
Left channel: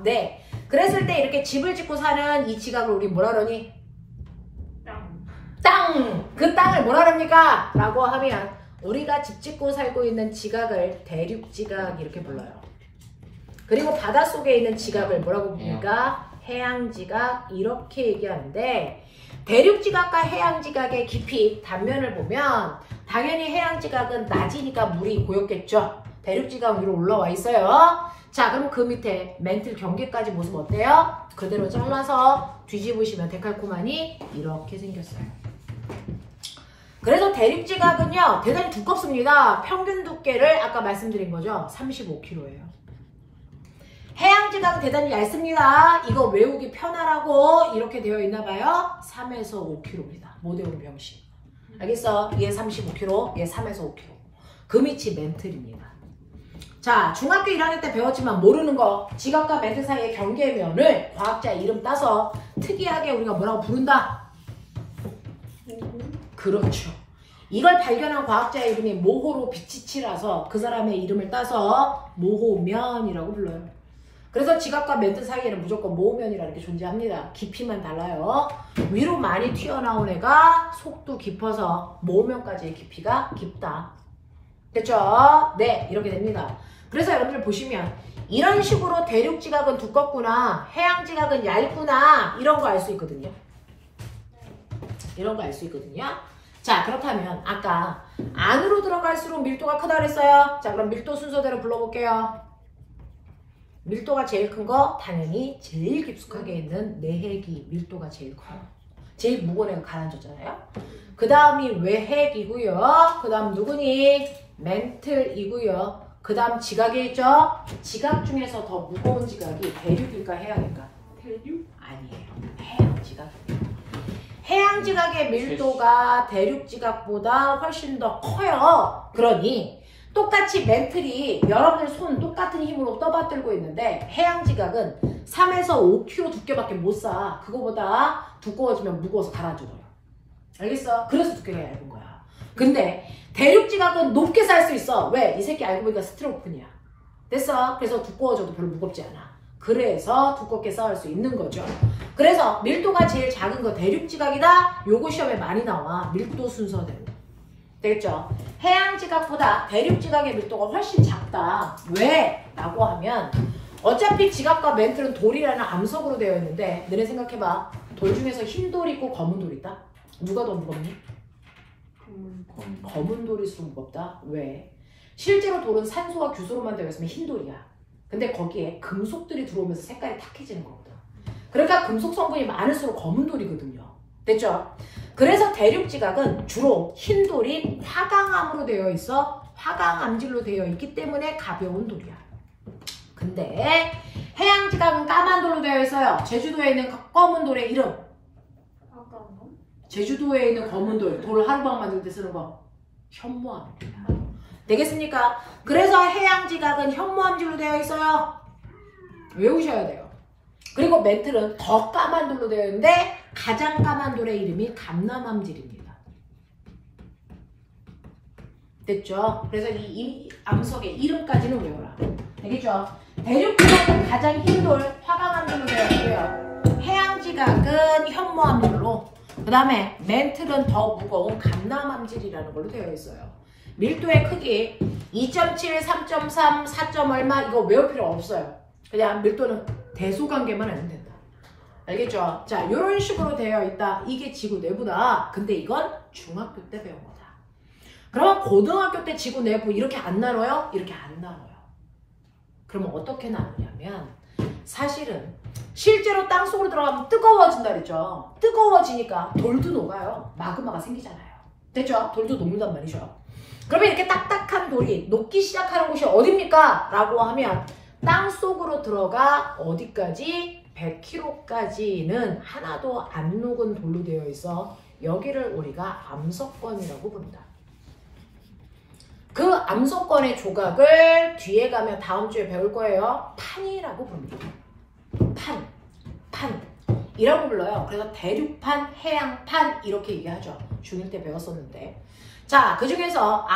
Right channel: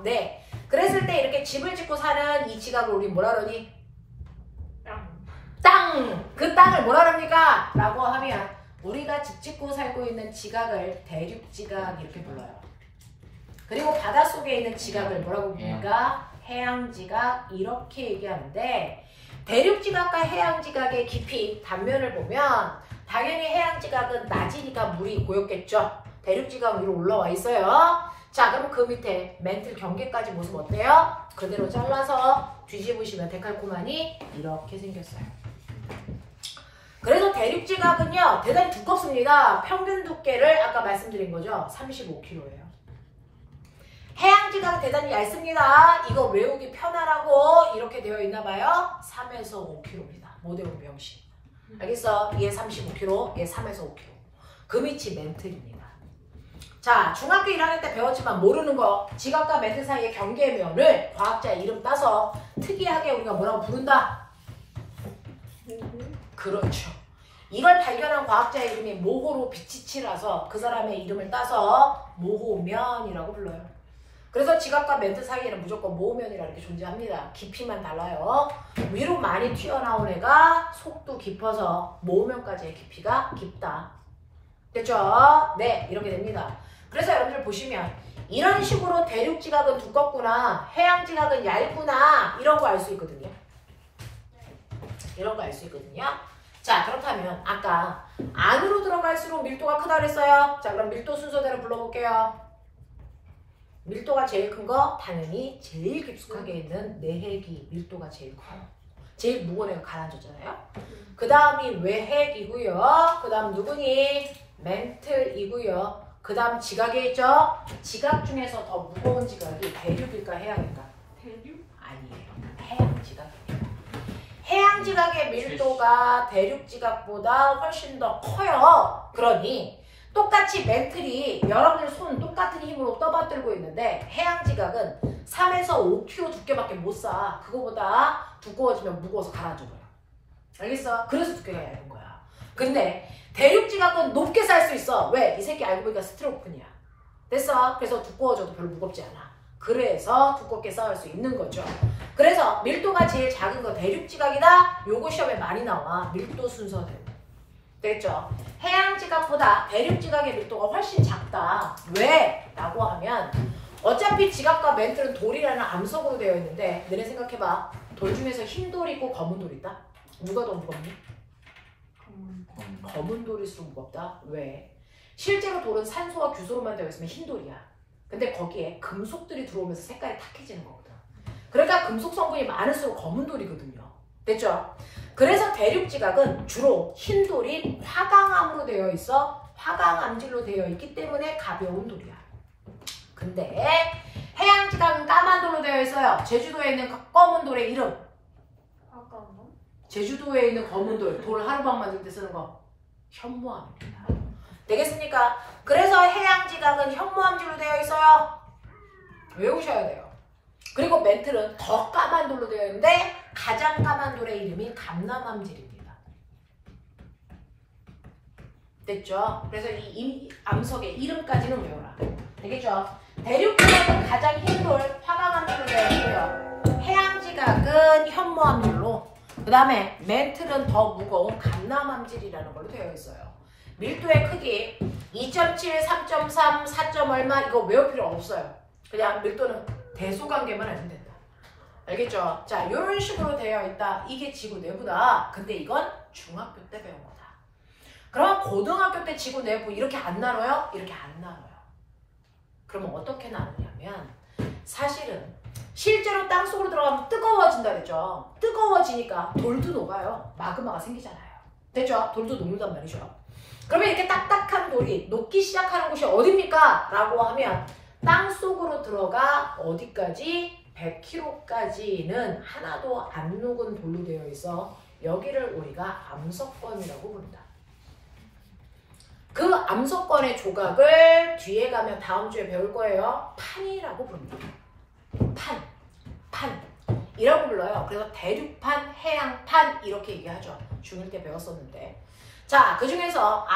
네. 그랬을 때 이렇게 집을 짓고 사는 이 지각을 우리 뭐라 그러니? 땅! 그 땅을 뭐라 그럽니까? 라고 하면 우리가 집 짓고 살고 있는 지각을 대륙지각 이렇게 불러요. 그리고 바닷속에 있는 지각을 뭐라고 부릅니까? 해양지각 이렇게 얘기하는데 대륙지각과 해양지각의 깊이 단면을 보면 당연히 해양지각은 낮이니까 물이 고였겠죠. 대륙지각 위로 올라와 있어요. 자, 그럼 그 밑에 멘틀 경계까지 모습 어때요? 그대로 잘라서 뒤집으시면 데칼코마니 이렇게 생겼어요. 그래서 대륙지각은요 대단히 두껍습니다. 평균 두께를 아까 말씀드린 거죠. 35kg예요. 해양지각은 대단히 얇습니다. 이거 외우기 편하라고 이렇게 되어 있나 봐요. 3에서 5kg입니다. 못 외우면 병신. 알겠어? 얘 35kg, 얘 3에서 5kg. 그 밑이 멘틀입니다. 자, 중학교 1학년 때 배웠지만 모르는 거 지각과 멘틀 사이의 경계면을 과학자 이름 따서 특이하게 우리가 뭐라고 부른다? 그렇죠. 이걸 발견한 과학자의 이름이 모호로 비치치라서 그 사람의 이름을 따서 모호면이라고 불러요. 그래서 지각과 멘틀 사이에는 무조건 모호면이라는 게 존재합니다. 깊이만 달라요. 위로 많이 튀어나온 애가 속도 깊어서 모호면까지의 깊이가 깊다. 됐죠? 네, 이렇게 됩니다. 그래서 여러분들 보시면 이런 식으로 대륙지각은 두껍구나, 해양지각은 얇구나 이런 거 알 수 있거든요. 이런 거 알 수 있거든요. 자, 그렇다면 아까 안으로 들어갈수록 밀도가 크다 그랬어요. 자, 그럼 밀도 순서대로 불러볼게요. 밀도가 제일 큰 거 당연히 제일 깊숙하게 있는 내핵이 밀도가 제일 커요. 제일 무거운 애가 가라앉았잖아요. 그 다음이 외핵이고요. 그 다음 누구니? 멘틀이고요. 그 다음 지각이 있죠? 지각 중에서 더 무거운 지각이 대륙일까 해양일까? 대륙? 아니에요. 해양지각입니다. 해양지각의 밀도가 대륙지각보다 훨씬 더 커요. 그러니 똑같이 멘틀이 여러분들 손 똑같은 힘으로 떠받들고 있는데 해양지각은 3에서 5kg 두께밖에 못 쌓아. 그거보다 두꺼워지면 무거워서 가라앉아버려. 알겠어? 그래서 두께가 얇은 거야. 근데 대륙지각은 높게 쌓을 수 있어. 왜? 이 새끼 알고 보니까 스티로폼이야. 됐어? 그래서 두꺼워져도 별로 무겁지 않아. 그래서 두껍게 쌓을 수 있는 거죠. 그래서 밀도가 제일 작은 거 대륙지각이다. 요거 시험에 많이 나와. 밀도 순서대로. 됐죠? 해양지각보다 대륙지각의 밀도가 훨씬 작다. 왜? 라고 하면 어차피 지각과 멘틀은 돌이라는 암석으로 되어 있는데 너네 생각해봐. 돌 중에서 흰 돌이 있고 검은 돌이 있다? 누가 더 무겁니? 검은 돌일수록 무겁다. 왜? 실제로 돌은 산소와 규소로만 되어 있으면 흰 돌이야. 근데 거기에 금속들이 들어오면서 색깔이 탁해지는 거거든. 그러니까 금속 성분이 많을수록 검은 돌이거든요. 됐죠? 그래서 대륙지각은 주로 흰 돌인 화강암으로 되어 있어. 화강암질로 되어 있기 때문에 가벼운 돌이야. 근데 해양지각은 까만 돌로 되어 있어요. 제주도에 있는 검은 돌의 이름. 제주도에 있는 검은 돌, 돌 하루방 만들 때 쓰는 거 현무암입니다. 되겠습니까? 그래서 해양지각은 현무암질로 되어 있어요. 외우셔야 돼요. 그리고 멘틀은 더 까만 돌로 되어 있는데 가장 까만 돌의 이름이 감남암질입니다. 됐죠? 그래서 이 암석의 이름까지는 외워라. 되겠죠? 대륙지각은 가장 힘돌 화강암질로 되어 있고요. 해양지각은 현모암질로, 그 다음에 멘틀은 더 무거운 감남암질이라는 걸로 되어 있어요. 밀도의 크기 2.7, 3.3, 4. 얼마 이거 외울 필요 없어요. 그냥 밀도는 대소관계만 알면 된다. 알겠죠? 자, 이런 식으로 되어 있다. 이게 지구 내부다. 근데 이건 중학교 때 배운 거다. 그러면 고등학교 때 지구 내부 이렇게 안 나눠요? 이렇게 안 나눠요. 그러면 어떻게 나누냐면 사실은 실제로 땅속으로 들어가면 뜨거워진다 그랬죠. 뜨거워지니까 돌도 녹아요. 마그마가 생기잖아요. 됐죠? 돌도 녹는단 말이죠. 그러면 이렇게 딱딱한 돌이 녹기 시작하는 곳이 어딥니까? 라고 하면 땅속으로 들어가 어디까지? 100km까지는 하나도 안 녹은 돌로 되어 있어 여기를 우리가 암석권이라고 부른다. 그 암석권의 조각을 뒤에 가면 다음 주에 배울 거예요. 판이라고 부릅니다. 판이라고 불러요. 그래서 대륙판, 해양판 이렇게 얘기하죠. 중1 때 배웠었는데. 자, 그 중에서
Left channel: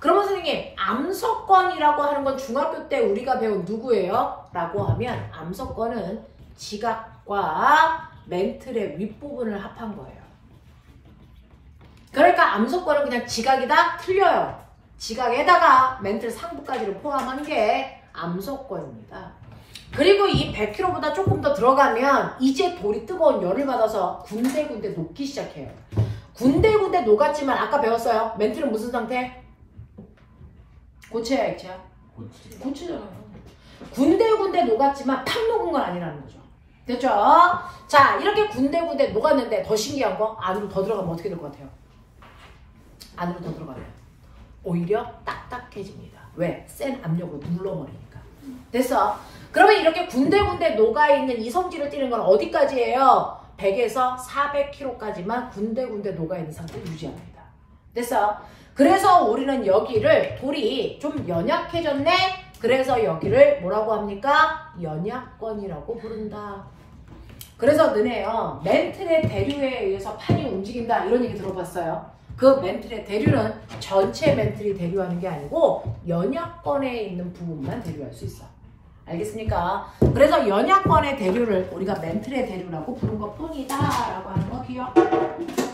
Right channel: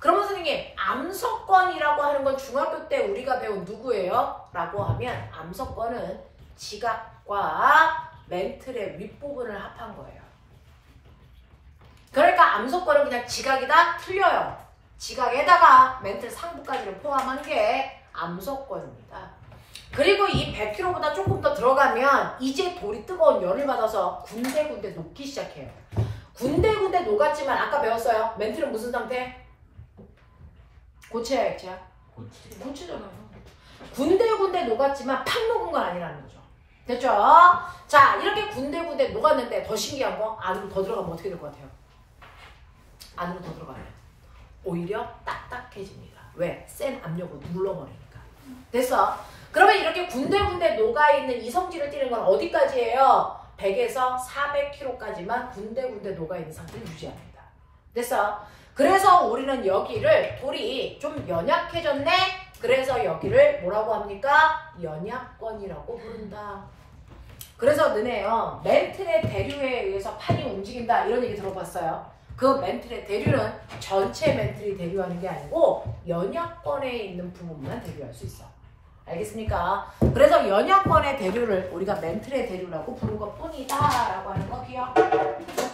그러면 선생님 암석권이라고 하는 건 중학교 때 우리가 배운 누구예요? 라고 하면 암석권은 지각과 멘틀의 윗부분을 합한 거예요. 그러니까 암석권은 그냥 지각이다? 틀려요. 지각에다가 멘틀 상부까지를 포함한 게 암석권입니다. 그리고 이 100km보다 조금 더 들어가면 이제 돌이 뜨거운 열을 받아서 군데군데 녹기 시작해요. 군데군데 녹았지만 아까 배웠어요. 멘틀은 무슨 상태? 고체야, 액체야? 고체잖아요. 군데군데 녹았지만 팍 녹은 건 아니라는 거죠. 됐죠? 자, 이렇게 군데군데 녹았는데 더 신기한 거 안으로 더 들어가면 어떻게 될 것 같아요? 안으로 더 들어가면 오히려 딱딱해집니다. 왜? 센 압력으로 눌러버리니까. 됐어? 그러면 이렇게 군데군데 녹아있는 이 성질을 띠는 건 어디까지예요? 100에서 400km까지만 군데군데 녹아있는 상태를 유지합니다. 됐어? 그래서 우리는 여기를 돌이 좀 연약해졌네? 그래서 여기를 뭐라고 합니까? 연약권이라고 부른다. 그래서 너네요. 멘틀의 대류에 의해서 판이 움직인다 이런 얘기 들어봤어요? 그 멘틀의 대류는 전체 멘틀이 대류하는 게 아니고 연약권에 있는 부분만 대류할 수 있어. 알겠습니까? 그래서 연약권의 대류를 우리가 멘틀의 대류라고 부른 것 뿐이다 라고 하는 거 기억?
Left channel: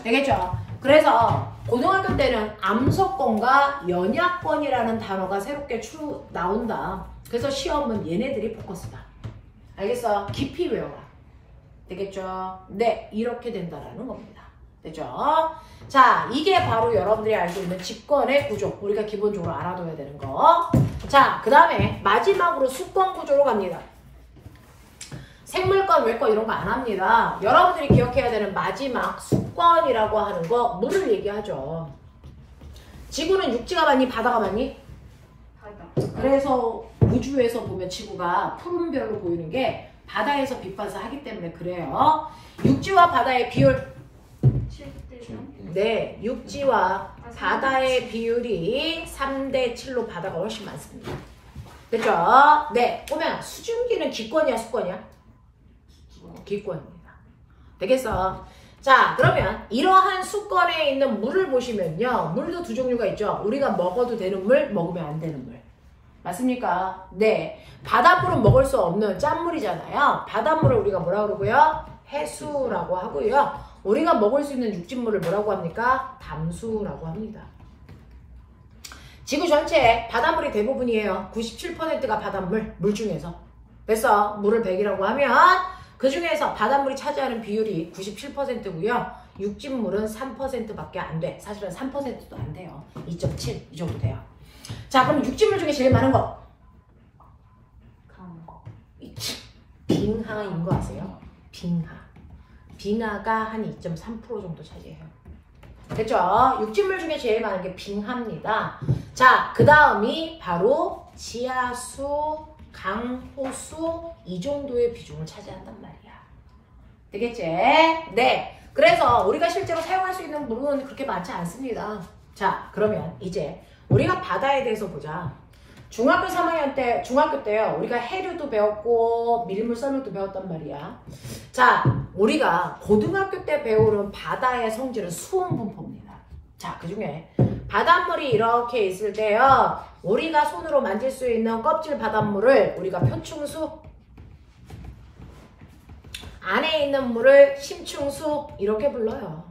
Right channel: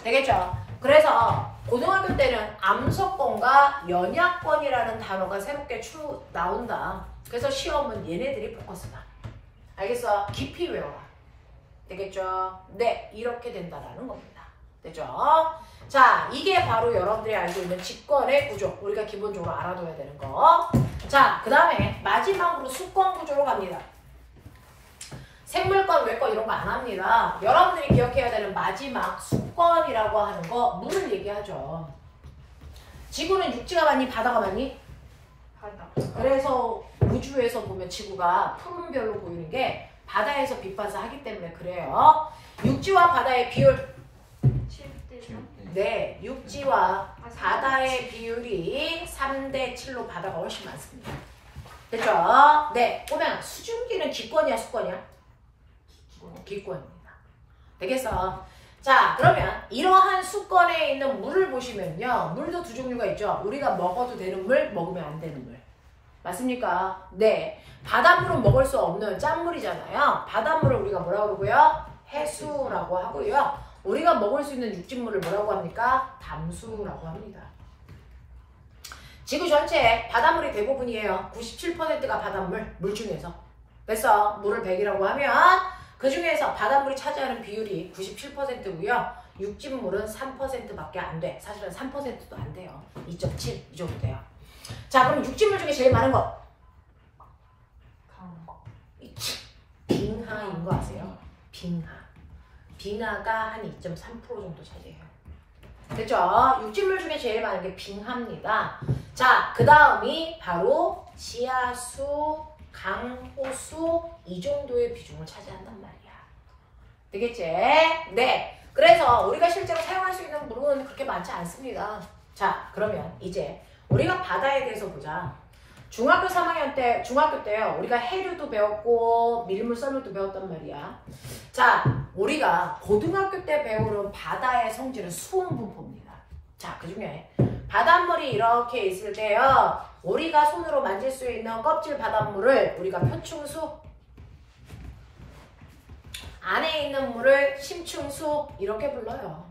되겠죠? 그래서 고등학교 때는 암석권과 연약권이라는 단어가 새롭게 나온다. 그래서 시험은 얘네들이 포커스다. 알겠어? 깊이 외워라. 되겠죠? 네, 이렇게 된다라는 겁니다. 되죠? 자, 이게 바로 여러분들이 알고 있는 직권의 구조. 우리가 기본적으로 알아둬야 되는 거. 자, 그 다음에 마지막으로 수권 구조로 갑니다. 생물권, 외권 이런 거 안 합니다. 여러분들이 기억해야 되는 마지막 수권이라고 하는 거 물을 얘기하죠. 지구는 육지가 많니? 바다가 많니? 바다. 그래서 우주에서 보면 지구가 푸른별로 보이는 게 바다에서 빛봐서 하기 때문에 그래요. 육지와 바다의 비율 7대3. 네, 육지와 바다의 비율이 3대7로 바다가 훨씬 많습니다. 됐죠? 네, 보면 수증기는 기권이야, 수권이야? 기권입니다. 되겠어? 자, 그러면 이러한 수권에 있는 물을 보시면요. 물도 두 종류가 있죠. 우리가 먹어도 되는 물, 먹으면 안 되는 물. 맞습니까? 네. 바닷물은 먹을 수 없는 짠물이잖아요. 바닷물을 우리가 뭐라고 그러고요? 해수라고 하고요. 우리가 먹을 수 있는 육진물을 뭐라고 합니까? 담수라고 합니다. 지구 전체 바닷물이 대부분이에요. 97%가 바닷물, 물 중에서. 그래서 물을 100이라고 하면 그 중에서 바닷물이 차지하는 비율이 97%고요. 육진물은 3%밖에 안 돼. 사실은 3%도 안 돼요. 2.7 이 정도 돼요. 자, 그럼 육진물 중에 제일 많은 거? 빙하인 거 아세요? 빙하. 빙하가 한 2.3% 정도 차지해요. 됐죠? 육진물 중에 제일 많은 게 빙하입니다. 자, 그 다음이 바로 지하수, 강호수 이 정도의 비중을 차지한단 말이야. 되겠지? 네. 그래서 우리가 실제로 사용할 수 있는 물은 그렇게 많지 않습니다. 자, 그러면 이제 우리가 바다에 대해서 보자. 중학교 3학년 때, 중학교 때요. 우리가 해류도 배웠고 밀물, 썰물도 배웠단 말이야. 자, 우리가 고등학교 때 배우는 바다의 성질은 수온 분포입니다. 자, 그 중에 바닷물이 이렇게 있을 때요. 우리가 손으로 만질 수 있는 껍질 바닷물을 우리가 표충수, 안에 있는 물을 심충수 이렇게 불러요.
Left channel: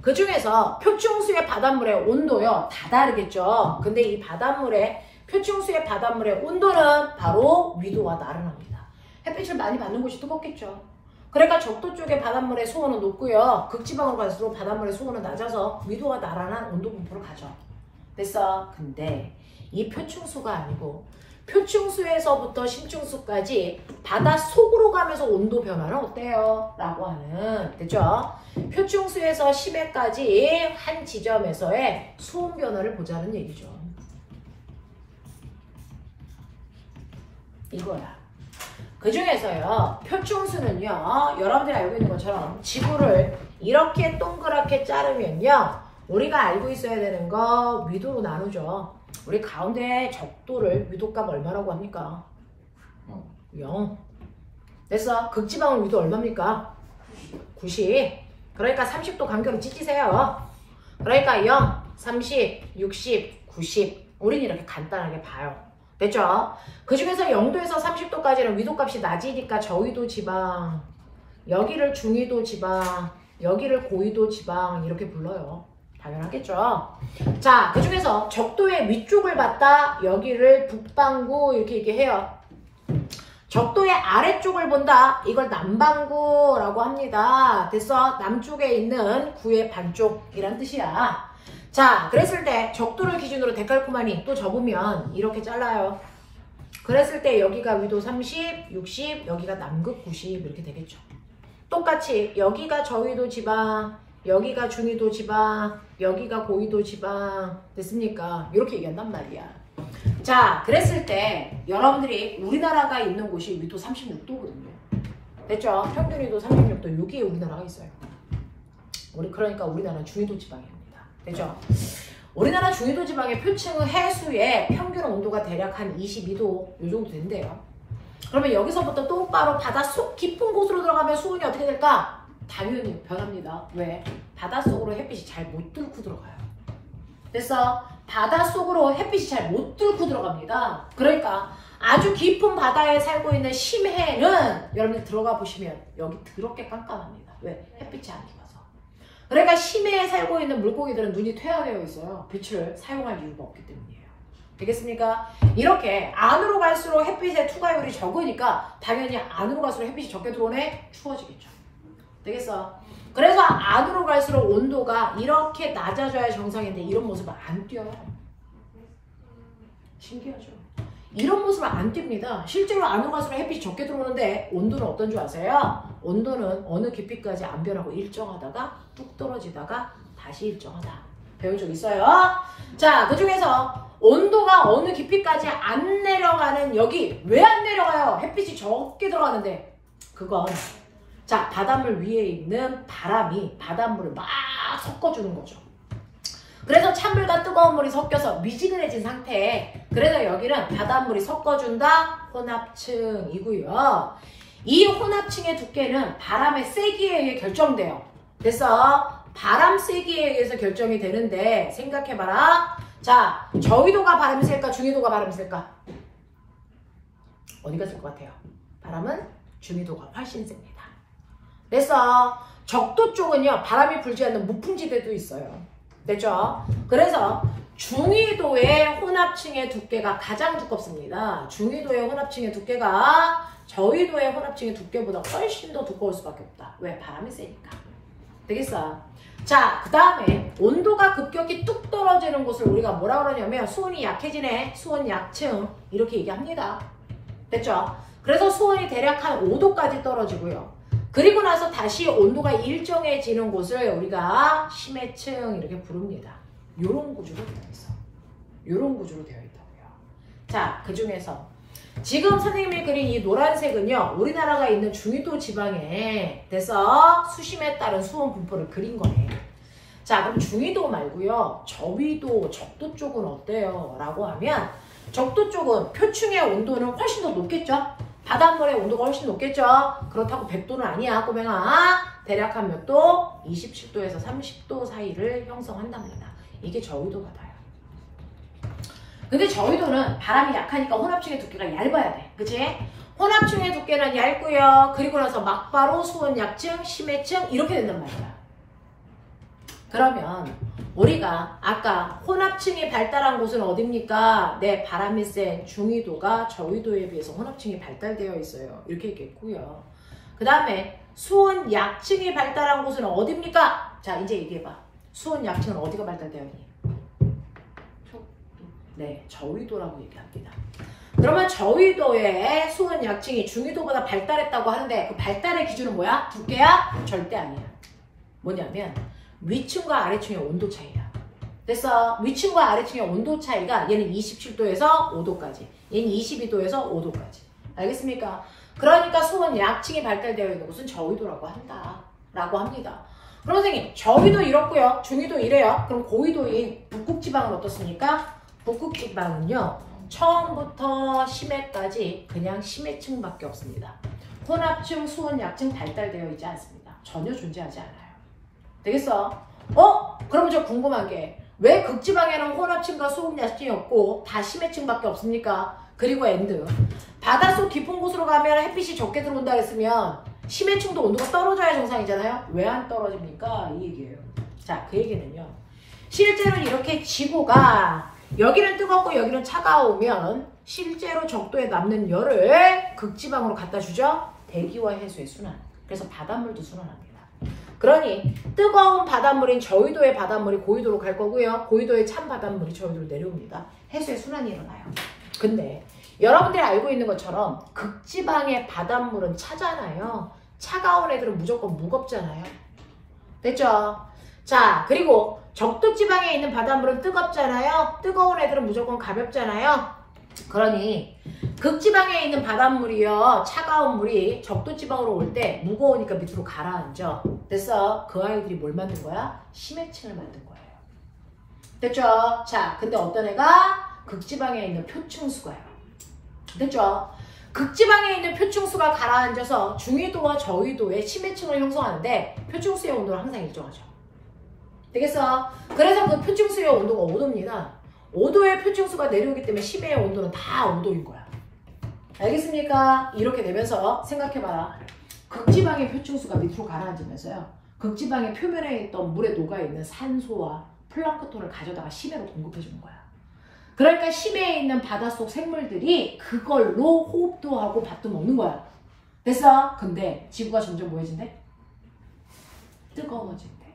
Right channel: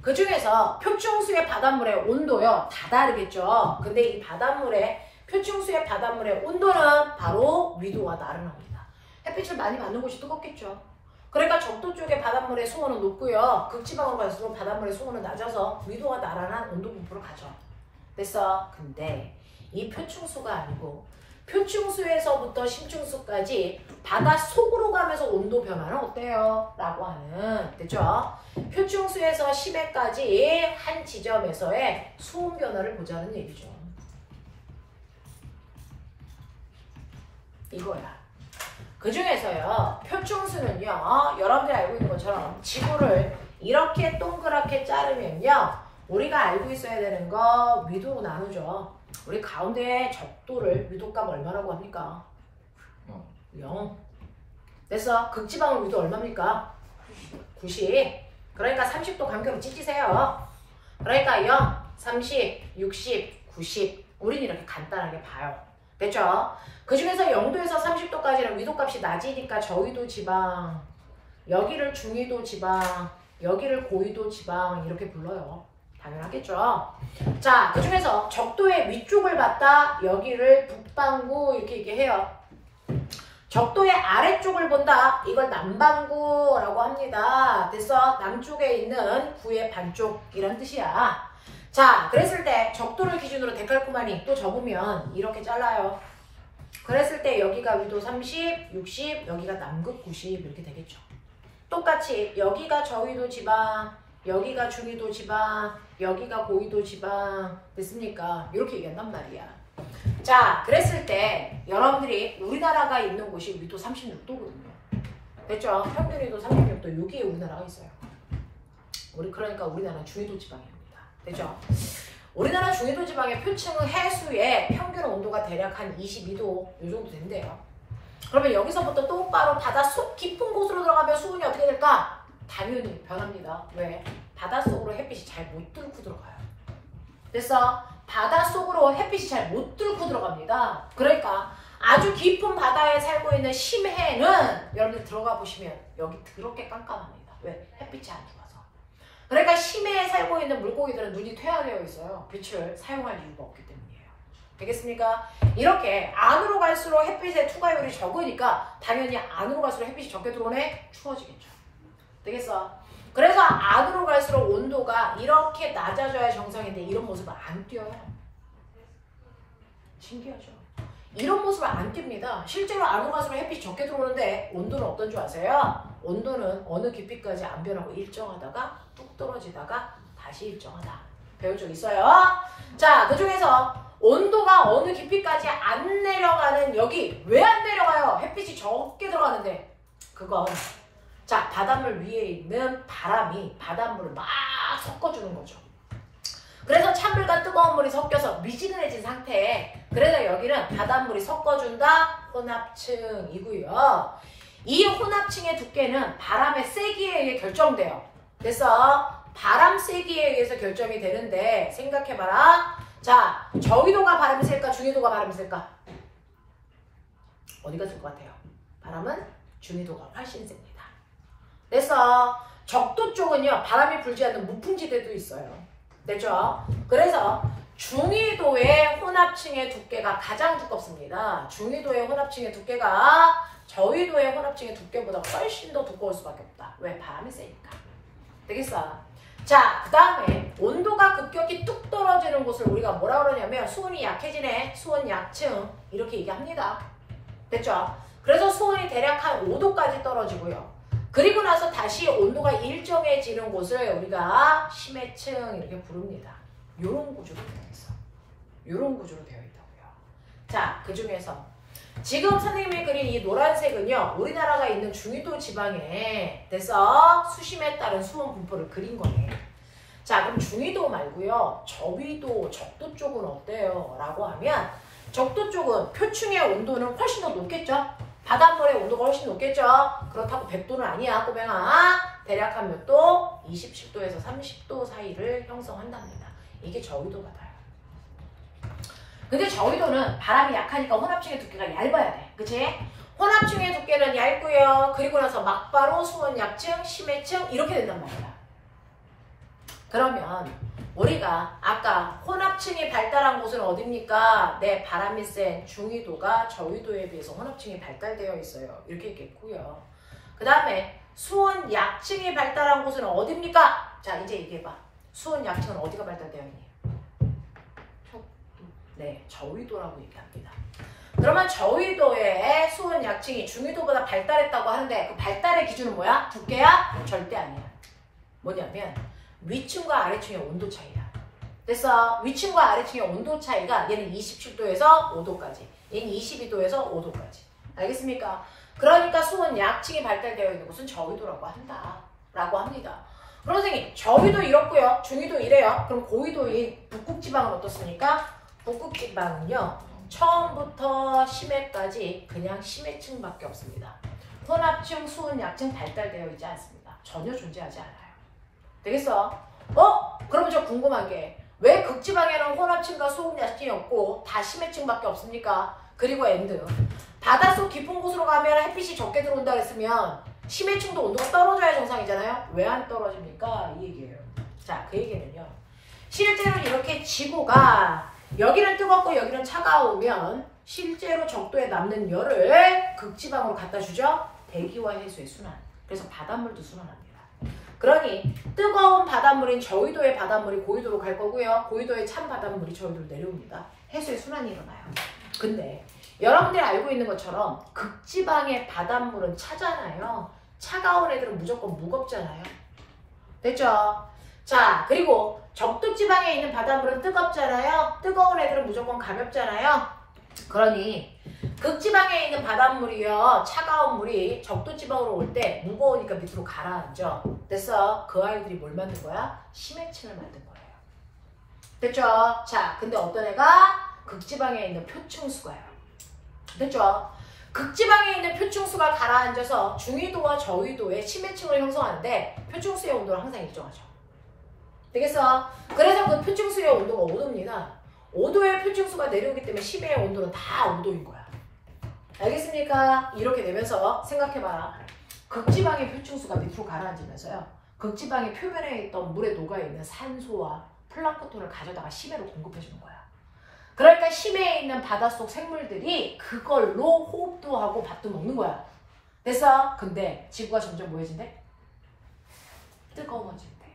그 중에서 표충수의 바닷물의 온도요. 다 다르겠죠. 근데 이 바닷물의 표충수의 바닷물의 온도는 바로 위도가 나른합니다. 햇빛을 많이 받는 곳이 뜨겁겠죠. 그러니까 적도 쪽의 바닷물의 수온은 높고요. 극지방으로 갈수록 바닷물의 수온은 낮아서 위도가 나른한 온도 분포를 가져. 됐어? 근데 이 표충수가 아니고 표충수에서부터 심충수까지 바닷속으로 가면서 온도 변화는 어때요? 라고 하는, 됐죠? 표충수에서 심해까지 한 지점에서의 수온 변화를 보자는 얘기죠. 이거야. 그 중에서요, 표충수는요, 여러분들이 알고 있는 것처럼 지구를 이렇게 동그랗게 자르면요, 우리가 알고 있어야 되는 거 위도로 나누죠. 우리 가운데 적도를 위도값 얼마라고 합니까? 0. 됐어? 극지방은 위도 얼마입니까? 90. 그러니까 30도 간격으로 찢으세요. 그러니까 0, 30, 60, 90. 우리는 이렇게 간단하게 봐요. 됐죠? 그 중에서 0도에서 30도까지는 위도값이 낮으니까 저위도 지방, 여기를 중위도 지방, 여기를 고위도 지방 이렇게 불러요. 당연하겠죠. 자, 그 중에서 적도의 위쪽을 봤다. 여기를 북반구 이렇게 얘기해요. 적도의 아래쪽을 본다. 이걸 남반구라고 합니다. 됐어? 남쪽에 있는 구의 반쪽 이란 뜻이야. 자, 그랬을 때 적도를 기준으로 데칼코마니 또 접으면 이렇게 잘라요. 그랬을 때 여기가 위도 30, 60, 여기가 남극 90 이렇게 되겠죠. 똑같이 여기가 저위도 지방, 여기가 중위도 지방, 여기가 고위도 지방. 됐습니까? 이렇게 얘기한단 말이야. 자, 그랬을 때 여러분들이 우리나라가 있는 곳이 위도 36도거든요. 됐죠? 평균 위도 36도. 여기에 우리나라가 있어요. 그러니까 우리나라는 중위도 지방입니다. 됐죠? 우리나라 중위도 지방의 표층 해수의 평균 온도가 대략 한 22도 이 정도 된대요. 그러면 여기서부터 똑바로 바닷속 깊은 곳으로 들어가면 수온이 어떻게 될까? 당연히 변합니다. 왜? 바닷속으로 햇빛이 잘 못 뚫고 들어가요. 됐어? 바닷속으로 햇빛이 잘 못 뚫고 들어갑니다. 그러니까 아주 깊은 바다에 살고 있는 심해는 여러분들 들어가 보시면 여기 더럽게 깜깜합니다. 왜? 햇빛이 안 들어와서. 그러니까 심해에 살고 있는 물고기들은 눈이 퇴화되어 있어요. 빛을 사용할 이유가 없기 때문이에요. 되겠습니까? 이렇게 안으로 갈수록 햇빛의 투과율이 적으니까 당연히 안으로 갈수록 햇빛이 적게 들어오네? 추워지겠죠. 되겠어? 그래서 안으로 갈수록 온도가 이렇게 낮아져야 정상인데 이런 모습을 안 띄어요. 신기하죠? 이런 모습을 안 띱니다. 실제로 안으로 갈수록 햇빛이 적게 들어오는데 온도는 어떤 줄 아세요? 온도는 어느 깊이까지 안 변하고 일정하다가 뚝 떨어지다가 다시 일정하다. 배운 적 있어요? 자, 그 중에서 온도가 어느 깊이까지 안 내려가는 여기 왜 안 내려가요? 햇빛이 적게 들어가는데 그건 자, 바닷물 위에 있는 바람이 바닷물을 막 섞어주는 거죠. 그래서 찬물과 뜨거운 물이 섞여서 미지근해진 상태에 그래서 여기는 바닷물이 섞어준다 혼합층이고요. 이 혼합층의 두께는 바람의 세기에 의해 결정돼요. 그래서 바람 세기에 의해서 결정이 되는데 생각해봐라. 자, 저위도가 바람이 셀까 중위도가 바람이 셀까? 어디가 셀 것 같아요? 바람은 중위도가 훨씬 셉니다. 그래서 적도 쪽은요 바람이 불지 않는 무풍지대도 있어요. 됐죠? 그래서 중위도의 혼합층의 두께가 가장 두껍습니다. 중위도의 혼합층의 두께가 저위도의 혼합층의 두께보다 훨씬 더 두꺼울 수밖에 없다. 왜? 바람이 세니까. 되겠어? 자, 그 다음에 온도가 급격히 뚝 떨어지는 곳을 우리가 뭐라 그러냐면 수온이 약해지네. 수온 약층 이렇게 얘기합니다. 됐죠? 그래서 수온이 대략 한 5도까지 떨어지고요. 그리고 나서 다시 온도가 일정해지는 곳을 우리가 심해층 이렇게 부릅니다. 요런 구조로 되어 있어. 요런 구조로 되어 있다고요. 자, 그 중에서 지금 선생님이 그린 이 노란색은요. 우리나라가 있는 중위도 지방에 돼서 수심에 따른 수온 분포를 그린 거예요. 자, 그럼 중위도 말고요. 저위도, 적도 쪽은 어때요? 라고 하면 적도 쪽은 표층의 온도는 훨씬 더 높겠죠? 바닷물의 온도가 훨씬 높겠죠? 그렇다고 100도는 아니야, 꼬맹아. 대략 한 몇 도? 27도에서 30도 사이를 형성한답니다. 이게 저위도가 닿아요. 근데 저위도는 바람이 약하니까 혼합층의 두께가 얇아야 돼. 그치? 혼합층의 두께는 얇고요. 그리고 나서 막바로 수온 약층, 심해층 이렇게 된단 말이야. 그러면 우리가 아까 혼합층이 발달한 곳은 어딥니까? 네, 바람이 센 중위도가 저위도에 비해서 혼합층이 발달되어 있어요. 이렇게 얘기했고요. 그 다음에 수온 약층이 발달한 곳은 어딥니까? 자, 이제 얘기해봐. 수온 약층은 어디가 발달되었니? 네, 저위도라고 얘기합니다. 그러면 저위도의 수온 약층이 중위도보다 발달했다고 하는데 그 발달의 기준은 뭐야? 두께야? 절대 아니야. 뭐냐면 위층과 아래층의 온도 차이야. 됐어? 위층과 아래층의 온도 차이가 얘는 27도에서 5도까지, 얘는 22도에서 5도까지. 알겠습니까? 그러니까 수온 약층이 발달되어 있는 곳은 저위도라고 한다. 라고 합니다. 그럼 선생님, 저위도 이렇고요. 중위도 이래요. 그럼 고위도의 북극지방은 어떻습니까? 북극지방은요. 처음부터 심해까지 그냥 심해층밖에 없습니다. 혼합층, 수온 약층 발달되어 있지 않습니다. 전혀 존재하지 않아요. 되겠어? 그러면 저 궁금한 게 왜 극지방에는 혼합층과 수온 약층이 없고 다 심해층밖에 없습니까? 그리고 엔드 바닷속 깊은 곳으로 가면 햇빛이 적게 들어온다 그랬으면 심해층도 온도가 떨어져야 정상이잖아요. 왜 안 떨어집니까? 이 얘기예요. 자, 그 얘기는요. 실제로 이렇게 지구가 여기는 뜨겁고 여기는 차가우면 실제로 적도에 남는 열을 극지방으로 갖다 주죠. 대기와 해수의 순환. 그래서 바닷물도 순환합니다. 그러니 뜨거운 바닷물인 저위도의 바닷물이 고위도로 갈 거고요. 고위도의 찬 바닷물이 저위도로 내려옵니다. 해수의 순환이 일어나요. 근데 여러분들이 알고 있는 것처럼 극지방의 바닷물은 차잖아요. 차가운 애들은 무조건 무겁잖아요. 됐죠? 자, 그리고 적도지방에 있는 바닷물은 뜨겁잖아요. 뜨거운 애들은 무조건 가볍잖아요. 그러니 극지방에 있는 바닷물이요, 차가운 물이 적도지방으로 올 때 무거우니까 밑으로 가라앉죠. 됐어? 그 아이들이 뭘 만든 거야? 심해층을 만든 거예요. 됐죠? 자, 근데 어떤 애가 극지방에 있는 표층수가요. 됐죠? 극지방에 있는 표층수가 가라앉아서 중위도와 저위도의 심해층을 형성하는데 표층수의 온도는 항상 일정하죠. 되겠어? 그래서 그 표층수의 온도가 5도입니다. 5도의 표층수가 내려오기 때문에 심해의 온도는 다 5도인 거야. 알겠습니까? 이렇게 되면서 생각해봐라. 극지방의 표층수가 밑으로 가라앉으면서요. 극지방의 표면에 있던 물에 녹아있는 산소와 플랑크톤을 가져다가 심해로 공급해주는 거야. 그러니까 심해에 있는 바닷속 생물들이 그걸로 호흡도 하고 밥도 먹는 거야. 됐어? 근데 지구가 점점 뭐해진대? 뜨거워진대.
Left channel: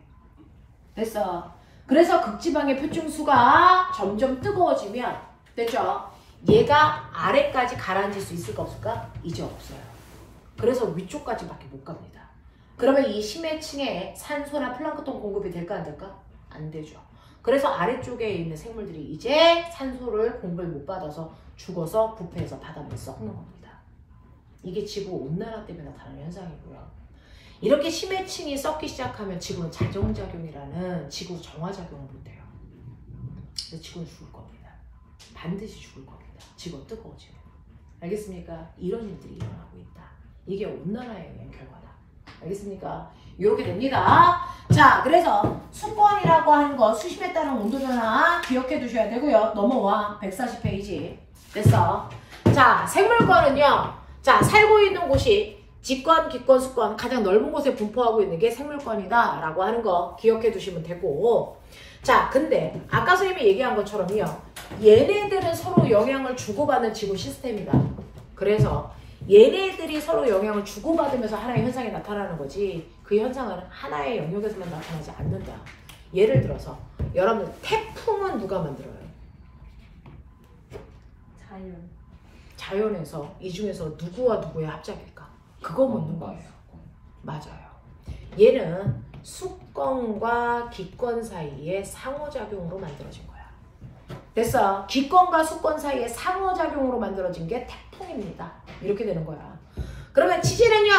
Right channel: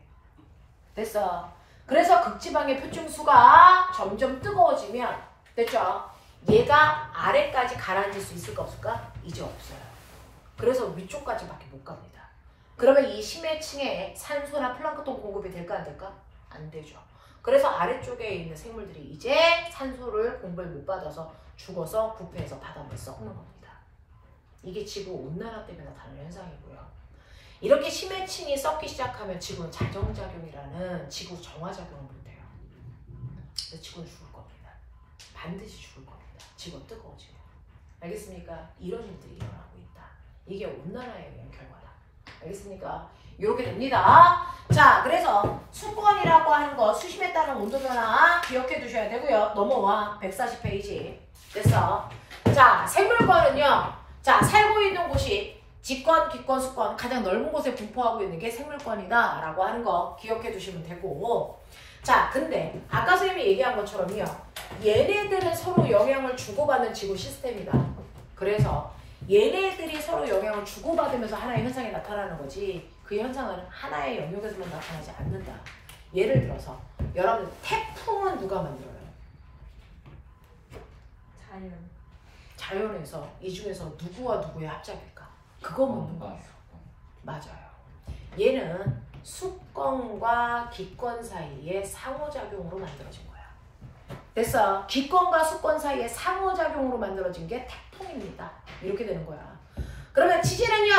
됐어? 그래서 극지방의 표층수가 점점 뜨거워지면, 됐죠? 얘가 아래까지 가라앉을 수 있을까 없을까? 이제 없어요. 그래서 위쪽까지밖에 못 갑니다. 그러면 이 심해층에 산소나 플랑크톤 공급이 될까 안 될까? 안 되죠. 그래서 아래쪽에 있는 생물들이 이제 산소를 공급을 못 받아서 죽어서 부패해서 바닷물을 썩는 겁니다. 이게 지구 온난화 때문에 나타나는 현상이고요. 이렇게 심해층이 썩기 시작하면 지구는 자정작용이라는 지구 정화작용을 못해요. 그래서 지구는 죽을 겁니다. 반드시 죽을 겁니다. 지구가 뜨거워지면. 알겠습니까? 이런 일들이 일어나고 있다. 이게 온난화에 의한 결과다. 알겠습니까? 이렇게 됩니다. 자, 그래서 수권이라고 하는 거 수심에 따른 온도 변화 기억해 두셔야 되고요. 넘어와 140페이지. 됐어. 자, 생물권은요. 자, 살고 있는 곳이 직권, 기권, 수권 가장 넓은 곳에 분포하고 있는 게 생물권이다 라고 하는 거 기억해 두시면 되고, 자, 근데 아까 선생님이 얘기한 것처럼요. 얘네들은 서로 영향을 주고받는 지구 시스템이다. 그래서 얘네들이 서로 영향을 주고받으면서 하나의 현상이 나타나는 거지, 그 현상은 하나의 영역에서만 나타나지 않는다. 예를 들어서 여러분, 태풍은 누가 만들어요? 자연. 자연에서 이 중에서 누구와 누구의 합작일까? 그거 묻는 거예요. 맞아요. 얘는 수권과 기권 사이의 상호작용으로 만들어진 거야. 됐어. 기권과 수권 사이의 상호작용으로 만들어진 게 태풍입니다. 이렇게 되는 거야. 그러면 지진은요?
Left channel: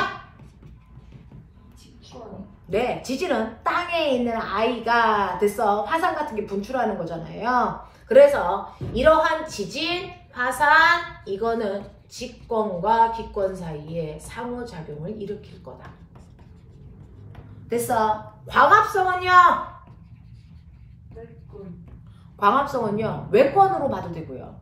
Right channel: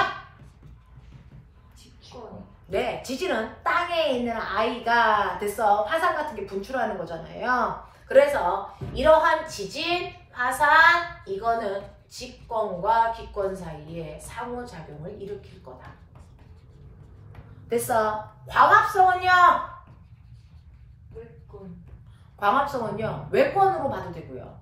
직권. 네, 지진은 땅에 있는 아이가 됐어. 화산 같은 게 분출하는 거잖아요. 그래서 이러한 지진, 화산, 이거는 직권과 기권 사이에 상호작용을 일으킬 거다. 됐어. 광합성은요? 물권. 광합성은요 외권으로 봐도 되고요.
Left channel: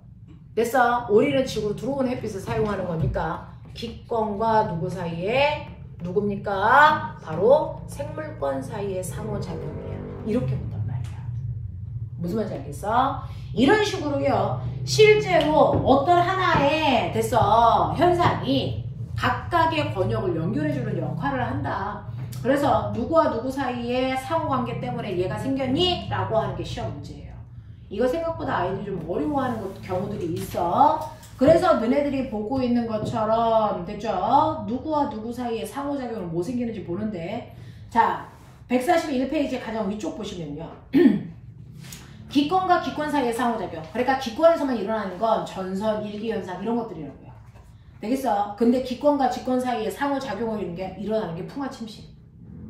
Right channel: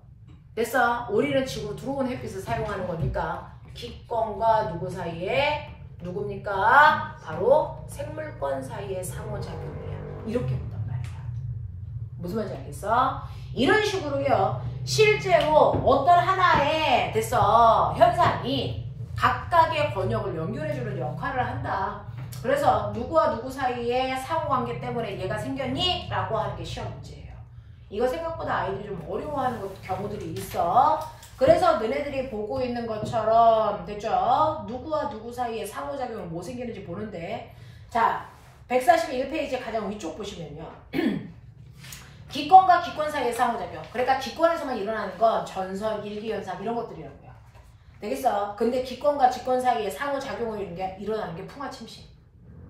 됐어? 우리는 지구로 들어온 햇빛을 사용하는 거니까 기권과 누구 사이에 누굽니까? 바로 생물권 사이의 상호작용이야. 이렇게 본단 말이야. 무슨 말인지 알겠어? 이런 식으로요 실제로 어떤 하나의 됐어 현상이 각각의 권역을 연결해주는 역할을 한다. 그래서 누구와 누구 사이의 상호관계 때문에 얘가 생겼니? 라고 하는 게 시험 문제예요. 이거 생각보다 아이들이 좀 어려워하는 경우들이 있어. 그래서 너네들이 보고 있는 것처럼 됐죠? 누구와 누구 사이에 상호작용은 뭐 생기는지 보는데 자 141페이지 가장 위쪽 보시면요 기권과 기권 사이의 상호작용. 그러니까 기권에서만 일어나는 건 전선, 일기현상 이런 것들이라고요. 되겠어? 근데 기권과 직권 사이에 상호작용을 일어나는 게 풍화침식.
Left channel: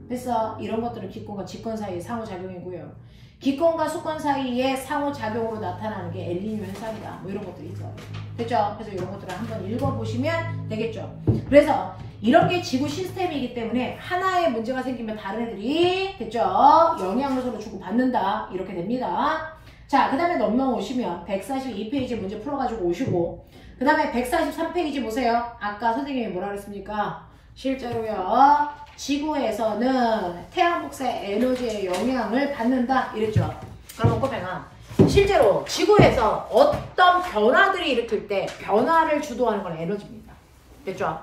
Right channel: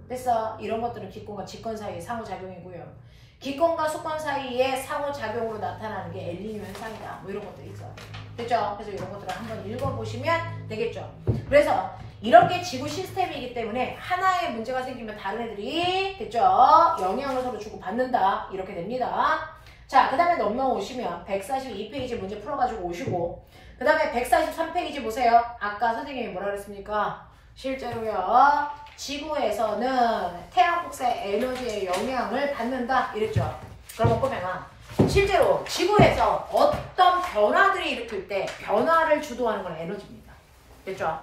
됐어? 이런 것들은 기권과 직권 사이의 상호작용이고요. 기권과 수권 사이에 상호작용으로 나타나는 게 엘니뇨 현상이다. 뭐 이런 것들이 있어요. 됐죠? 그래서 이런 것들을 한번 읽어보시면 되겠죠? 그래서 이런 게 지구 시스템이기 때문에 하나의 문제가 생기면 다른 애들이 됐죠? 영향을 서로 주고받는다. 이렇게 됩니다. 자, 그 다음에 넘어오시면 142페이지 문제 풀어가지고 오시고 그 다음에 143페이지 보세요. 아까 선생님이 뭐라 그랬습니까? 실제로요. 지구에서는 태양 복사의 에너지의 영향을 받는다. 이랬죠. 그러면 꼬맹아 실제로 지구에서 어떤 변화들이 일으킬 때 변화를 주도하는 건 에너지입니다. 됐죠?